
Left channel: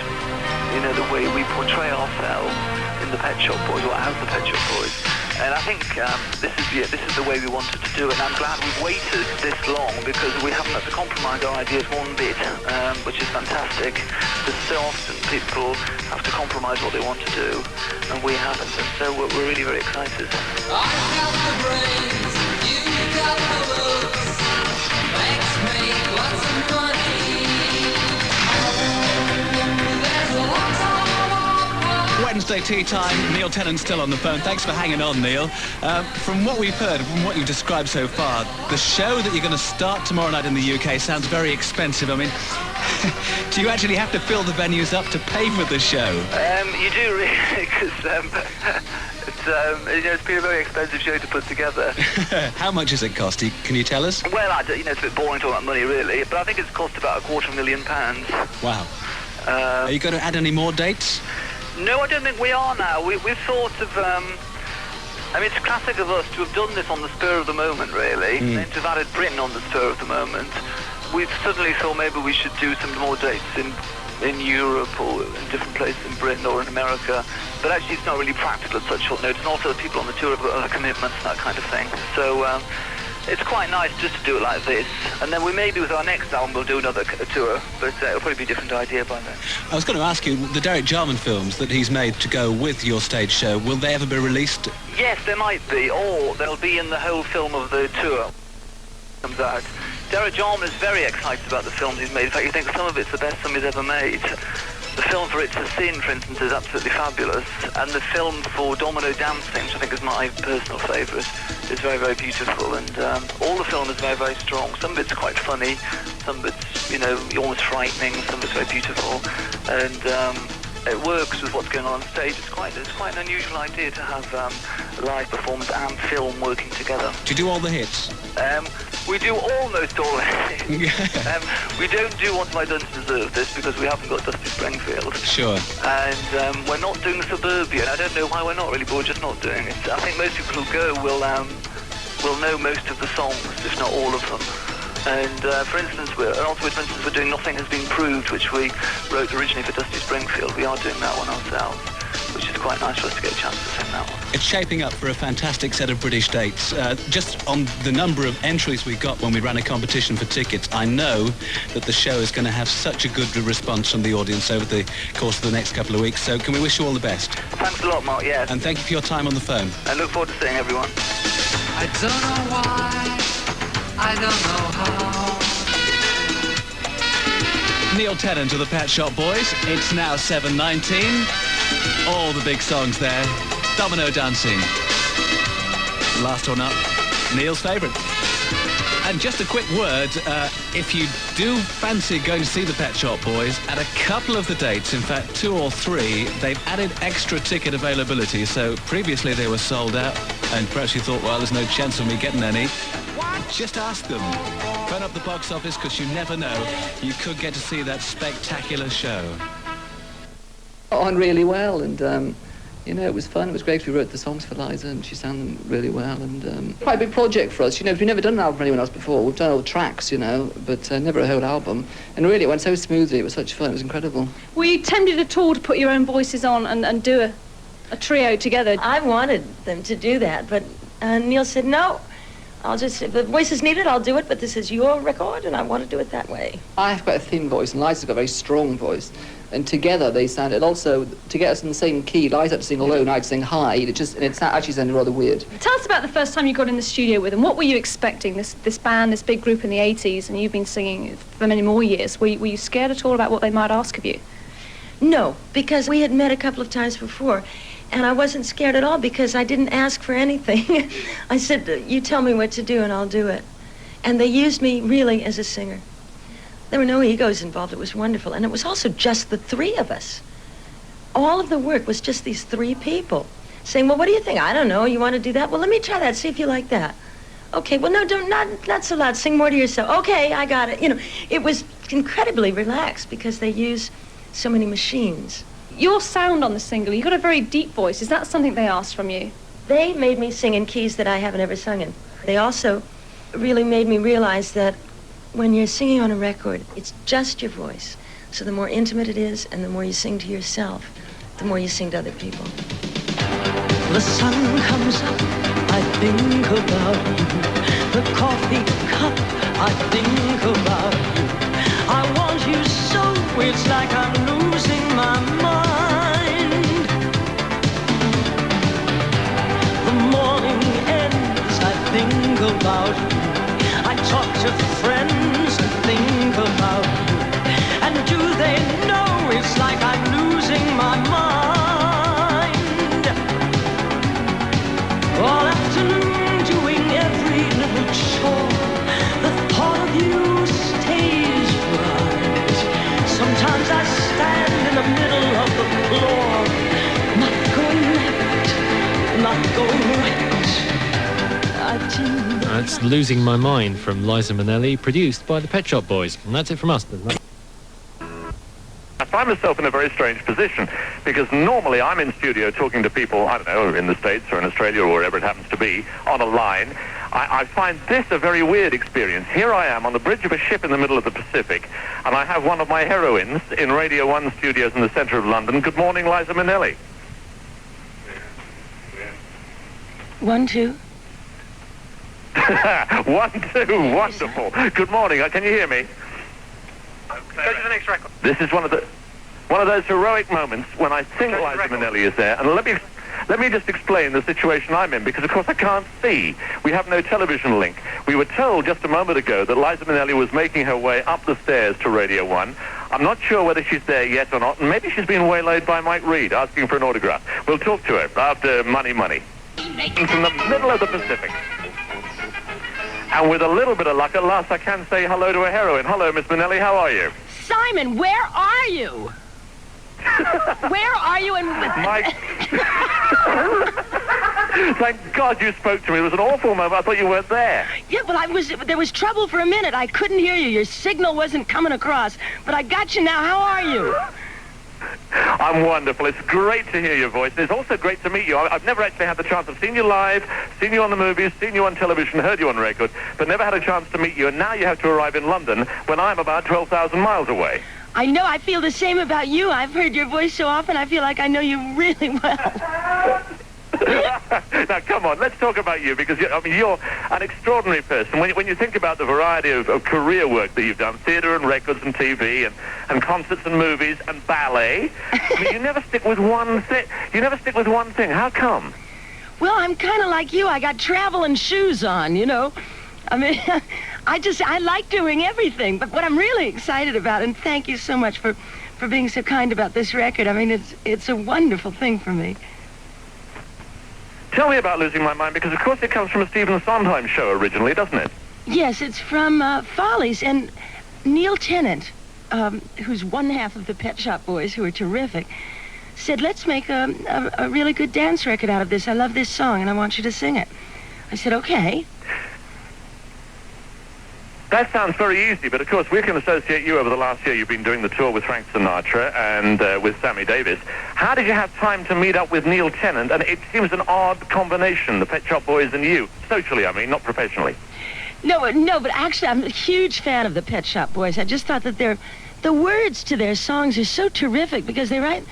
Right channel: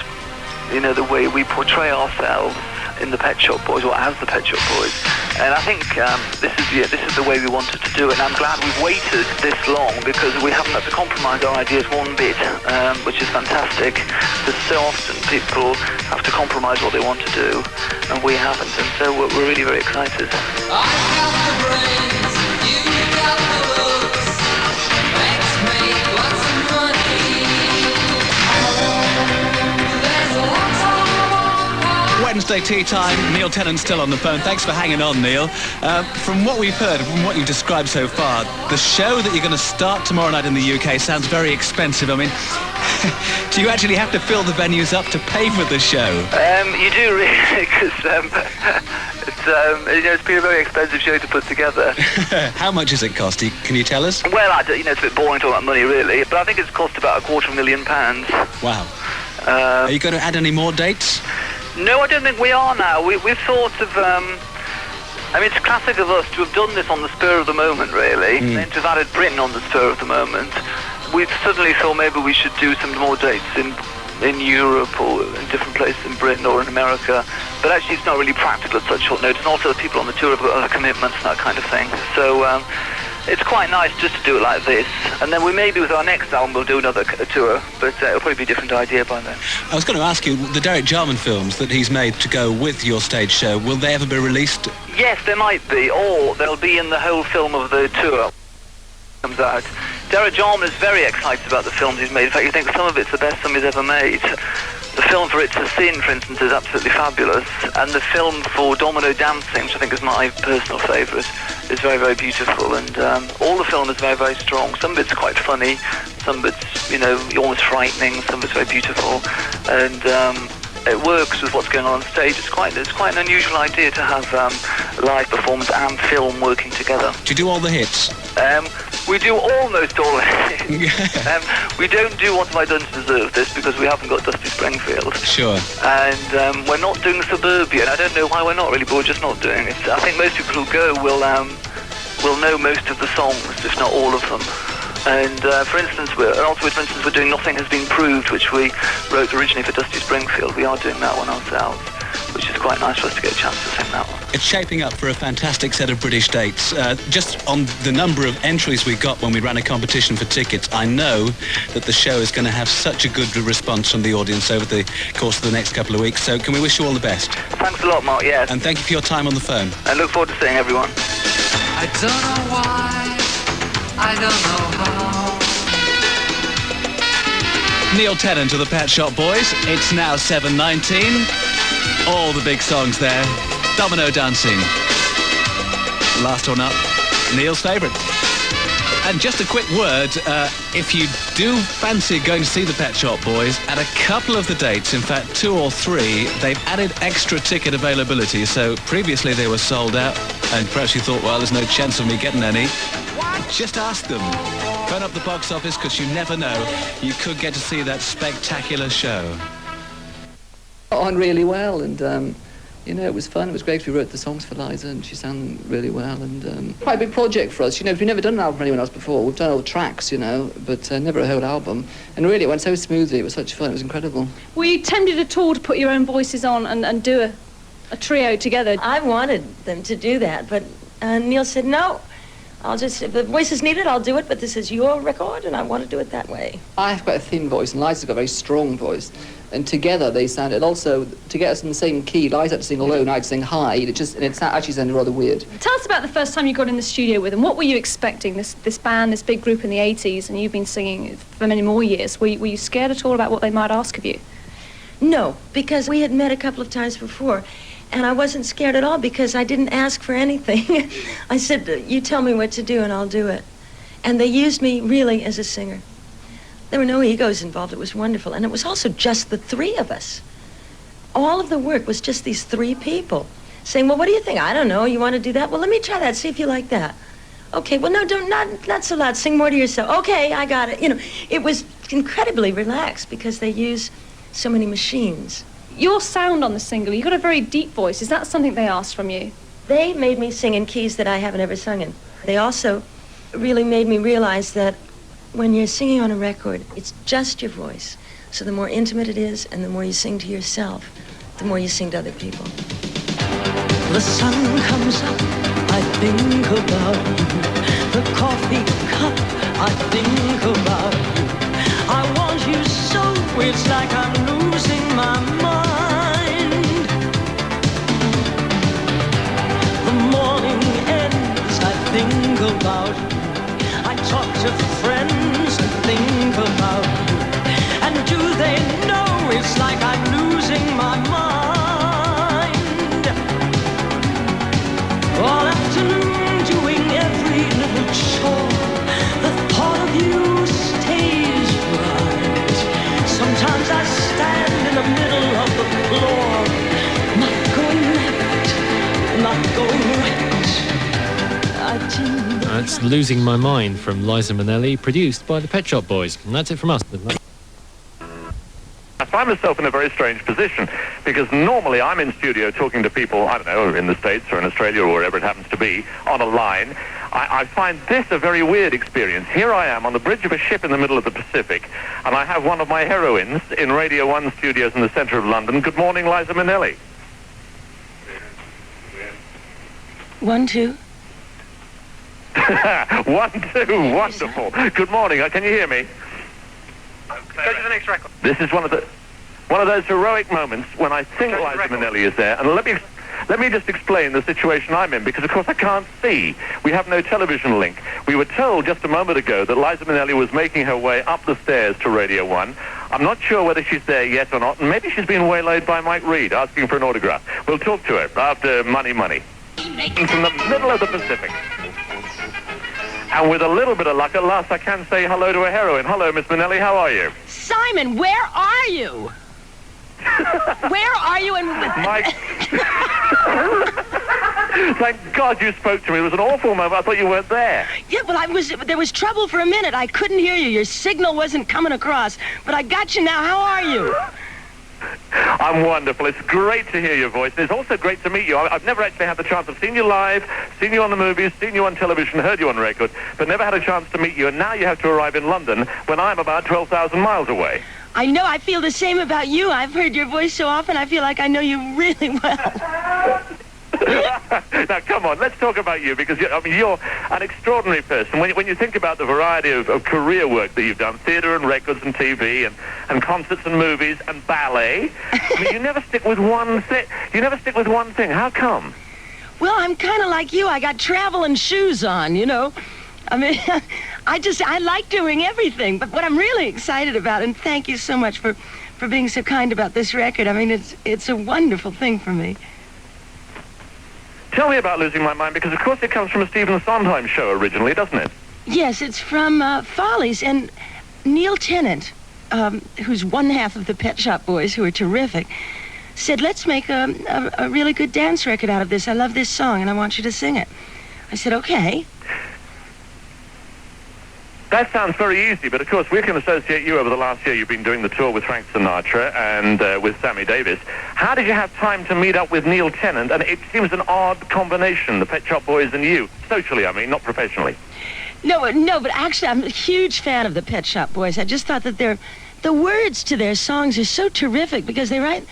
you know, the way we portray ourselves in the Pet Shop Boys, or as the Pet Shop Boys. And I think this is the way we wanted to do it. And I'm glad we've waited this long, because we haven't had to compromise our ideas one bit, which is fantastic. Because so often people have to compromise what they want to do, and we haven't. And so we're really very excited. I got the brains, you got the looks. Let's make lots of money. Thursday tea time. Neil Tennant's still on the phone. Thanks for hanging on, Neil. From what we've heard, from what you've described so far, the show that you're going to start tomorrow night in the UK sounds very expensive. I mean, do you actually have to fill the venues up to pay for the show? You do really, because it's been a very expensive show to put together. How much does it cost? Can you tell us? Well, it's a bit boring talking about money, really, but I think it's cost about £250,000. Wow. Are you going to add any more dates? No, I don't think we are now. We've sort of... it's classic of us to have done this on the spur of the moment, really, and then to have added Britain on the spur of the moment. We suddenly thought maybe we should do some more dates in Europe or in different places in Britain or in America. But actually it's not really practical at such short notice. And also the people on the tour have got other commitments and that kind of thing. So it's quite nice just to do it like this. And then we maybe with our next album we'll do another tour, but it'll probably be a different idea by then. I was going to ask you, the Derek Jarman films that he's made to go with your stage show, will they ever be released? Yes, there might be, or they'll be in the whole film of the tour comes out. Derek Jarman is very excited about the films he's made. In fact, he thinks some of it's the best film he's ever made. The film for It's a Sin, for instance, is absolutely fabulous. And the film for Domino Dancing, which I think is my personal favourite, is very, very beautiful. And all the film is very, very strong. Some of it's quite funny, some of it's, almost frightening, some of it's very beautiful. And it works with what's going on stage. It's quite an unusual idea to have live performance and film working together. Do you do all the hits? We do almost all the hits. We don't do What Have I Done to Deserve This because we haven't got Dusty Springfield. Sure. And we're not doing Suburbia, and I don't know why we're not really, but we're just not doing it. I think most people who go will know most of the songs, if not all of them. And for instance, we're doing Nothing Has Been Proved, which we wrote originally for Dusty Springfield. We are doing that one ourselves, which is quite nice for us to get a chance to sing that one. It's shaping up for a fantastic set of British dates. Just on the number of entries we got when we ran a competition for tickets, I know that the show is going to have such a good response from the audience over the course of the next couple of weeks. So can we wish you all the best? Thanks a lot, Mark, yes. And thank you for your time on the phone. I look forward to seeing everyone. I don't know why, I don't know how. Neil Tennant of the Pet Shop Boys. It's now 7:19. All the big songs there. Domino Dancing. Last one up, Neil's favourite. And just a quick word, if you do fancy going to see the Pet Shop Boys, at a couple of the dates, in fact 2 or 3, they've added extra ticket availability. So previously they were sold out, and perhaps you thought, well, there's no chance of me getting any. Just ask them. Phone up the box office, because you never know. You could get to see that spectacular show. On really well, and it was fun. It was great. We wrote the songs for Liza, and she sang really well. And quite a big project for us. We've never done an album for anyone else before. We've done old tracks, but never a whole album. And really, it went so smoothly. It was such fun. It was incredible. Were you tempted at all to put your own voices on and do a trio together? I wanted them to do that, but Neil said no. If the voice is needed, I'll do it, but this is your record, and I want to do it that way. I have quite a thin voice, and Liza's got a very strong voice. And together they sounded, also, to get us in the same key, Liza had to sing low and I had to sing high, and it actually sounded rather weird. Tell us about the first time you got in the studio with them. What were you expecting, this band, this big group in the 80s, and you've been singing for many more years. Were you scared at all about what they might ask of you? No, because we had met a couple of times before. And I wasn't scared at all because I didn't ask for anything. I said, you tell me what to do and I'll do it. And they used me really as a singer. There were no egos involved. It was wonderful. And it was also just the 3 of us. All of the work was just these 3 people saying, well, what do you think? I don't know. You want to do that? Well, let me try that. See if you like that. Okay, well, no, not so loud. Sing more to yourself. Okay, I got it. It was incredibly relaxed because they use so many machines. Your sound on the single, you've got a very deep voice. Is that something they asked from you? They made me sing in keys that I haven't ever sung in. They also really made me realize that when you're singing on a record, it's just your voice. So the more intimate it is, and the more you sing to yourself, the more you sing to other people. The sun comes up, I think about you. The coffee cup, I think about you. I want you so, it's like I'm losing my mind. The morning ends, I think about you. I talk to friends who think about you. And do they know it's like I'm losing my mind? That's Losing My Mind from Liza Minnelli, produced by the Pet Shop Boys. And that's it from us. I find myself in a very strange position because normally I'm in studio talking to people, I don't know, in the States or in Australia or wherever it happens to be, on a line. I find this a very weird experience. Here I am on the bridge of a ship in the middle of the Pacific, and I have one of my heroines in Radio 1 studios in the centre of London. Good morning, Liza Minnelli. 1, 2. 1, 2, wonderful. Good morning. Can you hear me? Go to the next record. This is one of those heroic moments when I think Liza Minnelli is there. And let me just explain the situation I'm in, because of course I can't see. We have no television link. We were told just a moment ago that Liza Minnelli was making her way up the stairs to Radio 1. I'm not sure whether she's there yet or not. And maybe she's been waylaid by Mike Reed asking for an autograph. We'll talk to her after Money Money. From the middle of the Pacific. And with a little bit of luck, at last I can say hello to a heroine. Hello, Miss Minnelli, how are you? Simon, where are you? Where are you? Mike. Thank God you spoke to me. It was an awful moment. I thought you weren't there. Yeah, well, there was trouble for a minute. I couldn't hear you. Your signal wasn't coming across. But I got you now. How are you? I'm wonderful. It's great to hear your voice. And it's also great to meet you. I've never actually had the chance. I've seen you live, seen you on the movies, seen you on television, heard you on record, but never had a chance to meet you. And now you have to arrive in London when I'm about 12,000 miles away. I know. I feel the same about you. I've heard your voice so often, I feel like I know you really well. Now, come on, let's talk about you, because you're an extraordinary person. When you think about the variety of career work that you've done, theatre and records and TV and concerts and movies and ballet, you never stick with one thing. You never stick with one thing. How come? Well, I'm kind of like you. I got traveling shoes on, you know. I mean, I like doing everything. But what I'm really excited about, and thank you so much for being so kind about this record. I mean, it's a wonderful thing for me. Tell me about Losing My Mind, because of course it comes from a Stephen Sondheim show originally, doesn't it? Yes, it's from Follies, and Neil Tennant, who's one half of the Pet Shop Boys, who are terrific, said, let's make a really good dance record out of this. I love this song, and I want you to sing it. I said, okay. That sounds very easy, but of course we can associate you over the last year. You've been doing the tour with Frank Sinatra and with Sammy Davis. How did you have time to meet up with Neil Tennant? And it seems an odd combination, the Pet Shop Boys and you. Socially, I mean, not professionally. No, but actually I'm a huge fan of the Pet Shop Boys. I just thought that the words to their songs are so terrific, because they write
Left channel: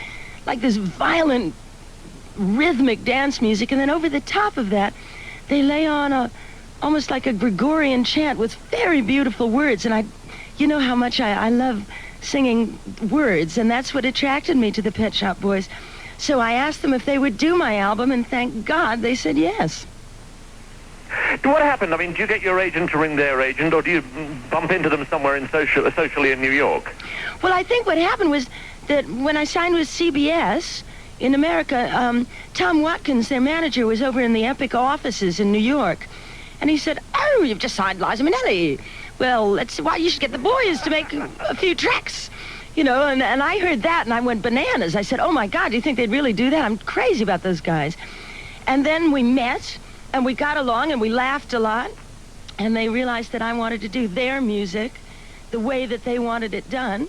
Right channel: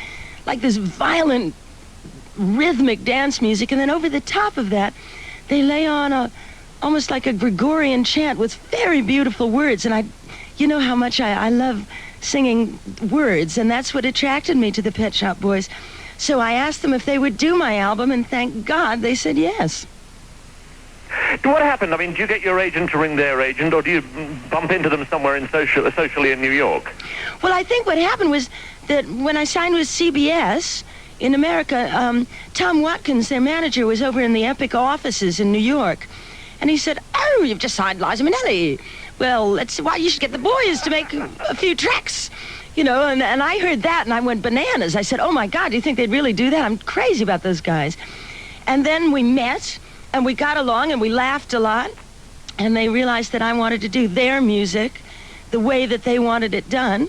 like this violent, rhythmic dance music, and then over the top of that, they lay on almost like a Gregorian chant with very beautiful words. And you know how much I love singing words, and that's what attracted me to the Pet Shop Boys. So I asked them if they would do my album, and thank God they said yes. What happened? I mean, do you get your agent to ring their agent, or do you bump into them somewhere socially in New York? Well, I think what happened was that when I signed with CBS in America, Tom Watkins, their manager, was over in the Epic offices in New York. And he said, oh, you've just signed Liza Minnelli. Well, that's why you should get the boys to make a few tracks. You know, and I heard that, and I went bananas. I said, oh, my God, do you think they'd really do that? I'm crazy about those guys. And then we met, and we got along, and we laughed a lot. And they realized that I wanted to do their music the way that they wanted it done,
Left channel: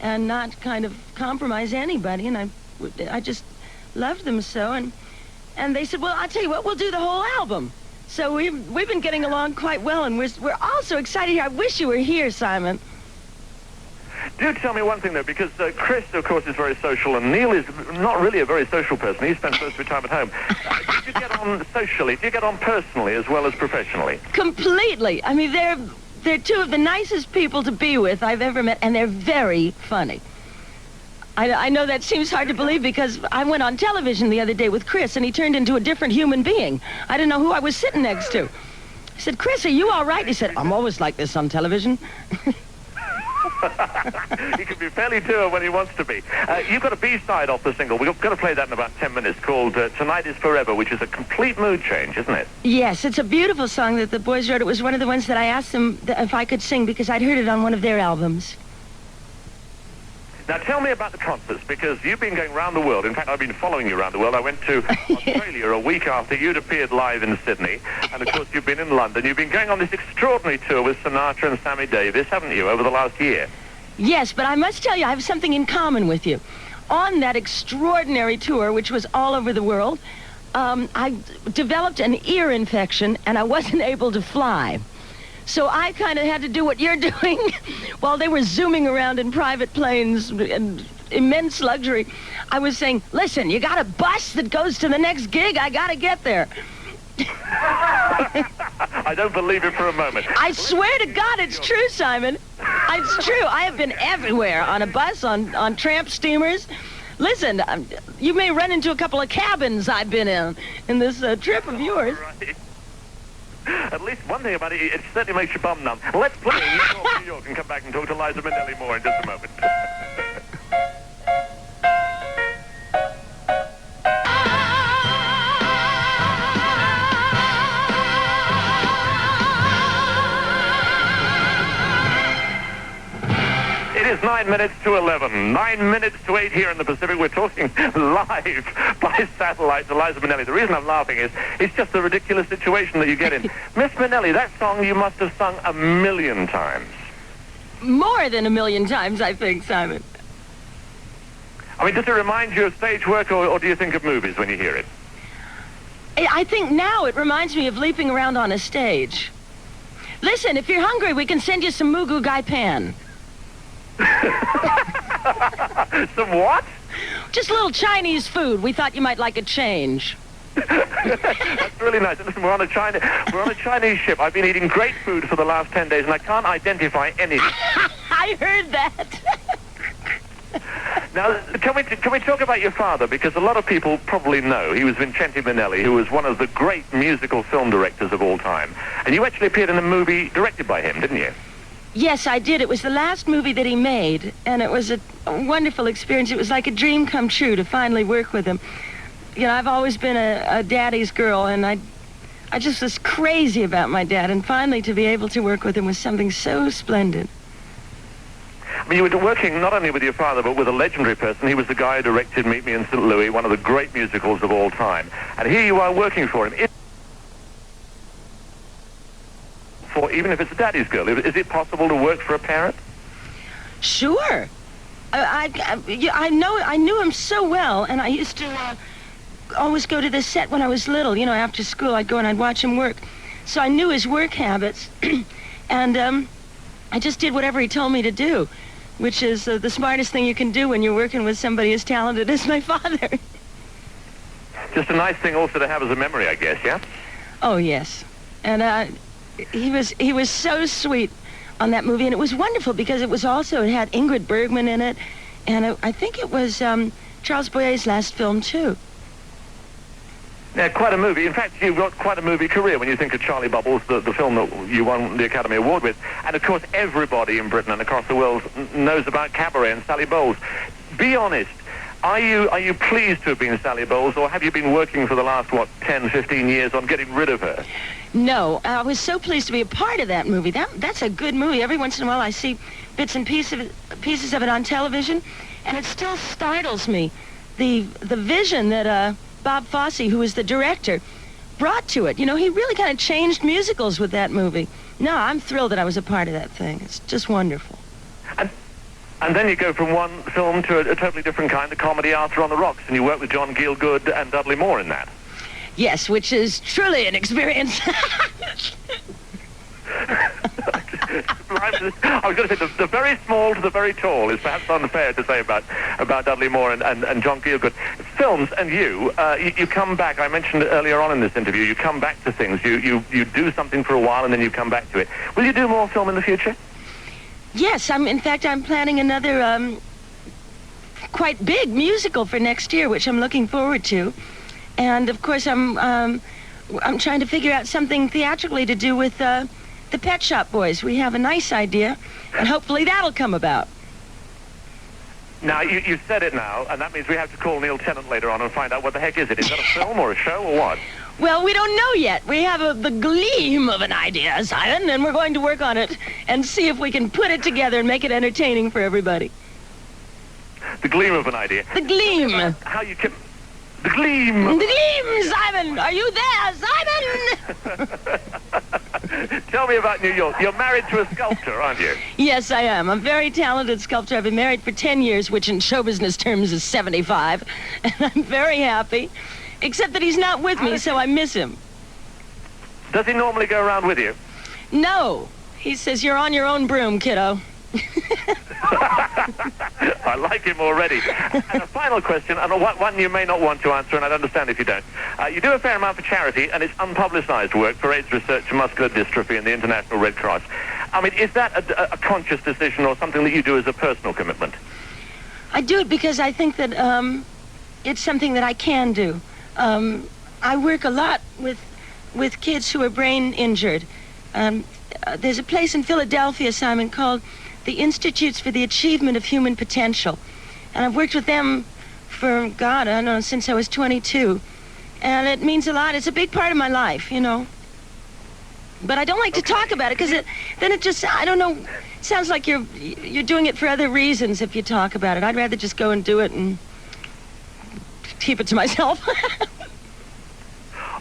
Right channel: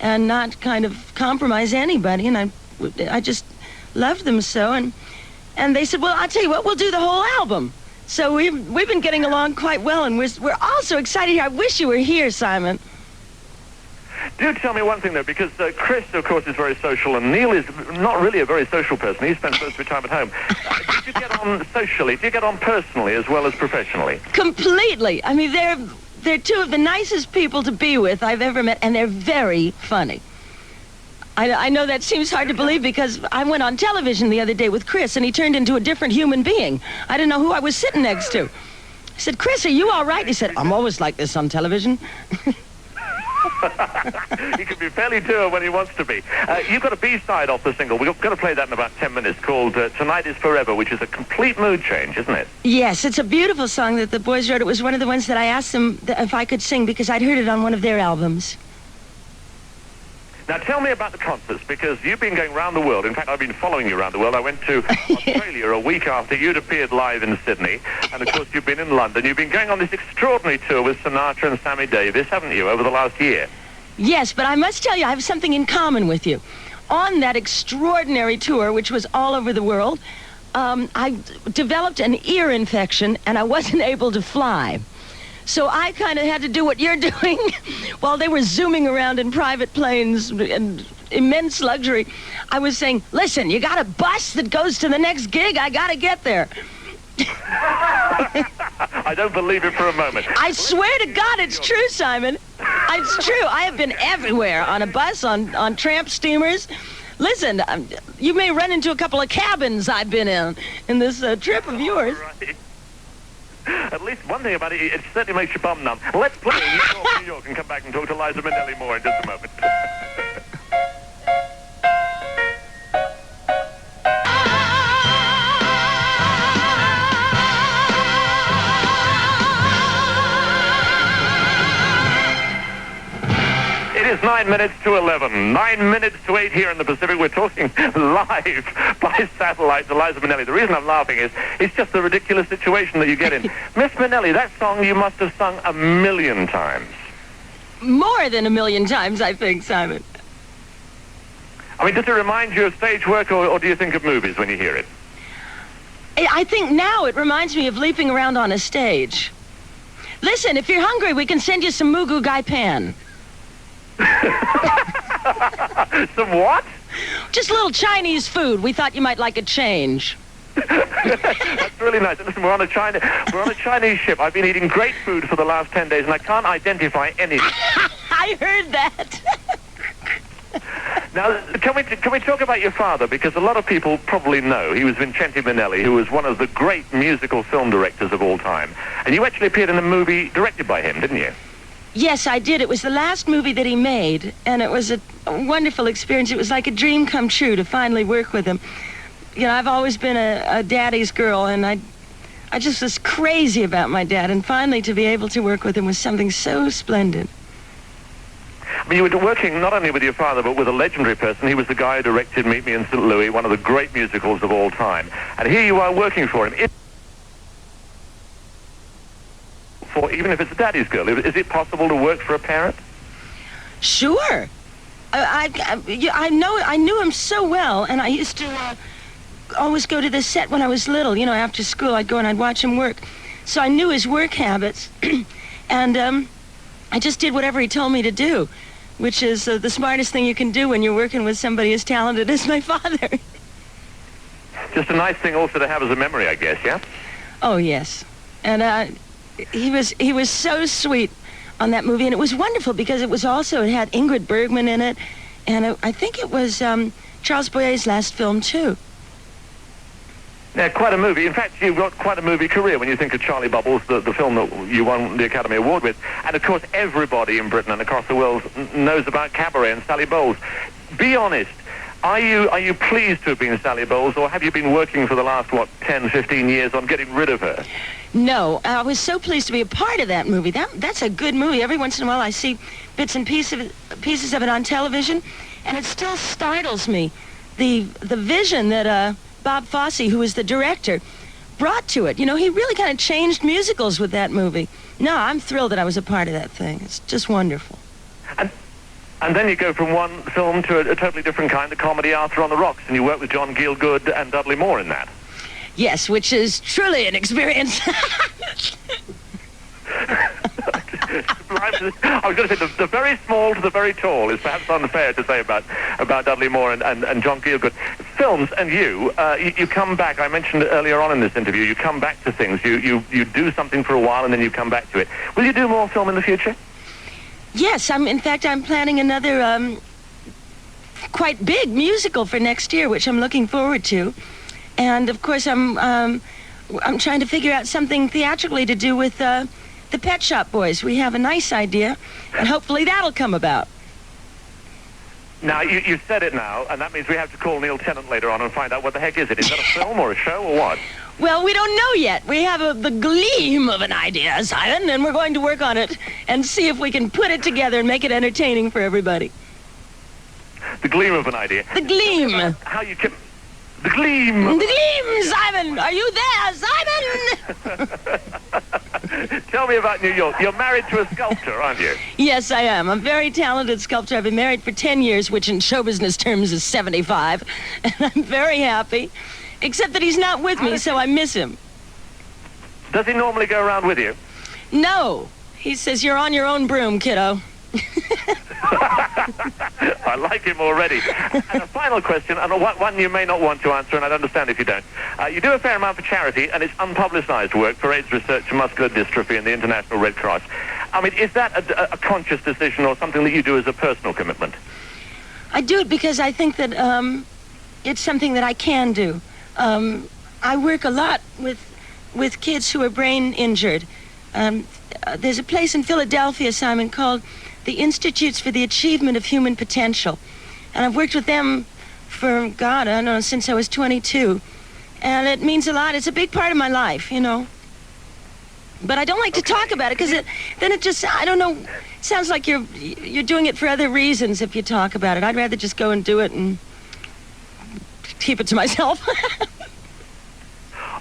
and not kind of compromise anybody. And I just loved them so. And they said, well, I'll tell you what, we'll do the whole album. So we've been getting along quite well, and we're all so excited here. I wish you were here, Simon. Do tell me one thing, though, because Chris, of course, is very social, and Neil is not really a very social person. He spends most of his time at home. Did you get on socially? Did you get on personally as well as professionally? Completely. I mean, they're two of the nicest people to be with I've ever met, and they're very funny. I know that seems hard to believe, because I went on television the other day with Chris, and he turned into a different human being. I didn't know who I was sitting next to. I said, Chris, are you all right? He said, I'm always like this on television. He can be fairly dour when he wants to be. You've got a B-side off the single. We're going to play that in about 10 minutes, called Tonight is Forever, which is a complete mood change, isn't it? Yes, it's a beautiful song that the boys wrote. It was one of the ones that I asked them if I could sing, because I'd heard it on one of their albums. Now tell me about the concerts, because you've been going around the world. In fact, I've been following you around the world. I went to Australia a week after you'd appeared live in Sydney, and of course you've been in London. You've been going on this extraordinary tour with Sinatra and Sammy Davis, haven't you, over the last year? Yes, but I must tell you, I have something in common with you. On that extraordinary tour, which was all over the world, I developed an ear infection, and I wasn't able to fly. So I kind of had to do what you're doing while they were zooming around in private planes and immense luxury. I was saying, listen, you got a bus that goes to the next gig? I got to get there. I don't believe it for a moment. I swear to God, it's true, Simon. It's true. I have been everywhere, on a bus, on tramp steamers. Listen, you may run into a couple of cabins I've been in this trip of yours. Right. At least one thing about it, it certainly makes your bum numb. Let's play New York, and come back and talk to Liza Minnelli more in just a moment. It is 9 minutes to 11. 9 minutes to 8 here in the Pacific. We're talking live by satellite to Liza Minnelli. The reason I'm laughing is it's just the ridiculous situation that you get in. Miss Minnelli, that song you must have sung a million times. More than a million times, I think, Simon. I mean, does it remind you of stage work, or do you think of movies when you hear it? I think now it reminds me of leaping around on a stage. Listen, if you're hungry, we can send you some Mugu Gai Pan. Some what? Just a little Chinese food. We thought you might like a change. That's really nice. Listen, we're on a Chinese ship. I've been eating great food for the last 10 days, and I can't identify anything. I heard that. Now, can we talk about your father? Because a lot of people probably know he was Vincente Minnelli, who was one of the great musical film directors of all time. And you actually appeared in a movie directed by him, didn't you? Yes, I did. It was the last movie that he made, and it was a wonderful experience. It was like a dream come true to finally work with him. You know, I've always been a daddy's girl, and I just was crazy about my dad, and finally to be able to work with him was something so splendid. I mean, you were working not only with your father, but with a legendary person. He was the guy who directed Meet Me in St. Louis, one of the great musicals of all time. And here you are working for him. Even if it's a daddy's girl, is it possible to work for a parent? Sure. I knew him so well, and I used to always go to the set when I was little. You know, after school, I'd go and I'd watch him work. So I knew his work habits, and I just did whatever he told me to do, which is the smartest thing you can do when you're working with somebody as talented as my father. Just a nice thing also to have as a memory, I guess, yeah? Oh, yes. And he was so sweet on that movie, and it was wonderful because it had Ingrid Bergman in it, and I think it was Charles Boyer's last film, too. Yeah, quite a movie. In fact, you've got quite a movie career when you think of Charlie Bubbles, the film that you won the Academy Award with. And, of course, everybody in Britain and across the world knows about Cabaret and Sally Bowles. Be honest, are you pleased to have been Sally Bowles, or have you been working for the last, 10, 15 years on getting rid of her? No, I was so pleased to be a part of that movie. That's a good movie. Every once in a while I see bits and pieces of it on television, and it still startles me. The vision that Bob Fosse, who was the director, brought to it. You know, he really kind of changed musicals with that movie. No, I'm thrilled that I was a part of that thing. It's just wonderful. And then you go from one film to a totally different kind, the comedy Arthur on the Rocks, and you work with John Gielgud and Dudley Moore in that. Yes, which is truly an experience. I was going to say, the very small to the very tall is perhaps unfair to say about Dudley Moore and John Gielgud. Films and you come back. I mentioned earlier on in this interview, you come back to things. You do something for a while and then you come back to it. Will you do more film in the future? Yes, in fact, I'm planning another quite big musical for next year, which I'm looking forward to. And of course, I'm trying to figure out something theatrically to do with the Pet Shop Boys. We have a nice idea, and hopefully that'll come about. Now, you said it now, and that means we have to call Neil Tennant later on and find out what the heck is it. Is that a film or a show or what? Well, we don't know yet. We have the gleam of an idea, Zion, and we're going to work on it and see if we can put it together and make it entertaining for everybody. the gleam of an idea. The gleam. How you can... The gleam. The gleam, Simon. Are you there, Simon? Tell me about New York. You're married to a sculptor, aren't you? Yes, I am. I'm a very talented sculptor. I've been married for 10 years, which in show business terms is 75. And I'm very happy, except that he's not with me, so I miss him. Does he normally go around with you? No. He says, you're on your own broom, kiddo. I like him already. And a final question, and one you may not want to answer, and I'd understand if you don't. You do a fair amount for charity, and it's unpublicized work for AIDS research and muscular dystrophy and the International Red Cross. I mean, is that a conscious decision or something that you do as a personal commitment? I do it because I think that it's something that I can do. I work a lot with kids who are brain injured. There's a place in Philadelphia, Simon, called the Institutes for the Achievement of Human Potential. And I've worked with them for, God, I don't know, since I was 22. And it means a lot. It's a big part of my life, you know. But I don't like to talk about it because then it just, I don't know, it sounds like you're doing it for other reasons if you talk about it. I'd rather just go and do it and keep it to myself.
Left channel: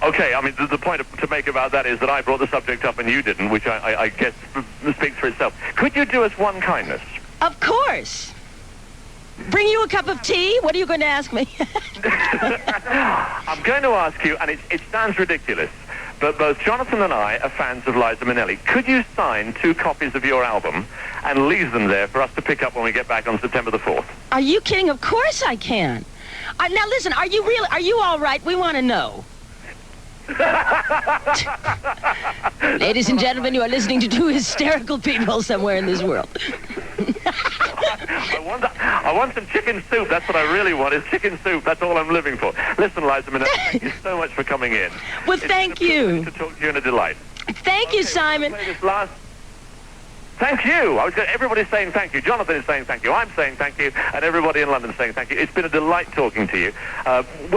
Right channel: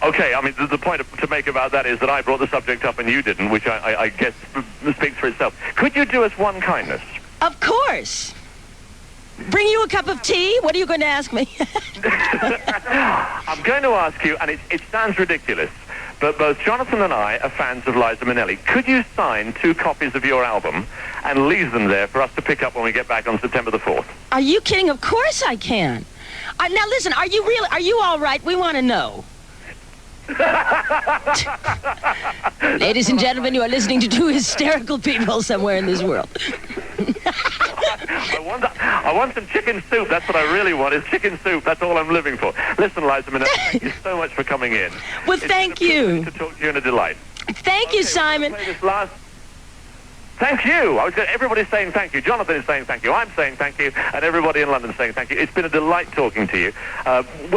Okay, I mean, the point to make about that is that I brought the subject up and you didn't, which I guess speaks for itself. Could you do us one kindness? Of course. Bring you a cup of tea? What are you going to ask me? I'm going to ask you, and it sounds ridiculous, but both Jonathan and I are fans of Liza Minnelli. Could you sign 2 copies of your album and leave them there for us to pick up when we get back on September the 4th? Are you kidding? Of course I can. Now listen, are you all right? We want to know. Ladies and gentlemen, you are listening to 2 hysterical people somewhere in this world. I want some chicken soup. That's what I really want, is chicken soup. That's all I'm living for. Listen, Liza Minnelli, thank you so much for coming in. Well, thank you. To talk to you and a delight. Thank you, Simon. Thank you. Everybody's saying thank you. Jonathan is saying thank you. I'm saying thank you. And everybody in London is saying thank you. It's been a delight talking to you.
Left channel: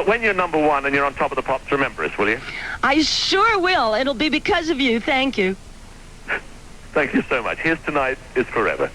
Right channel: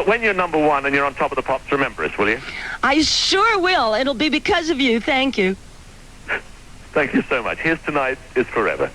When you're number 1 and you're on top of the pops, remember us, will you? I sure will. It'll be because of you. Thank you. Thank you so much. Here's Tonight is Forever.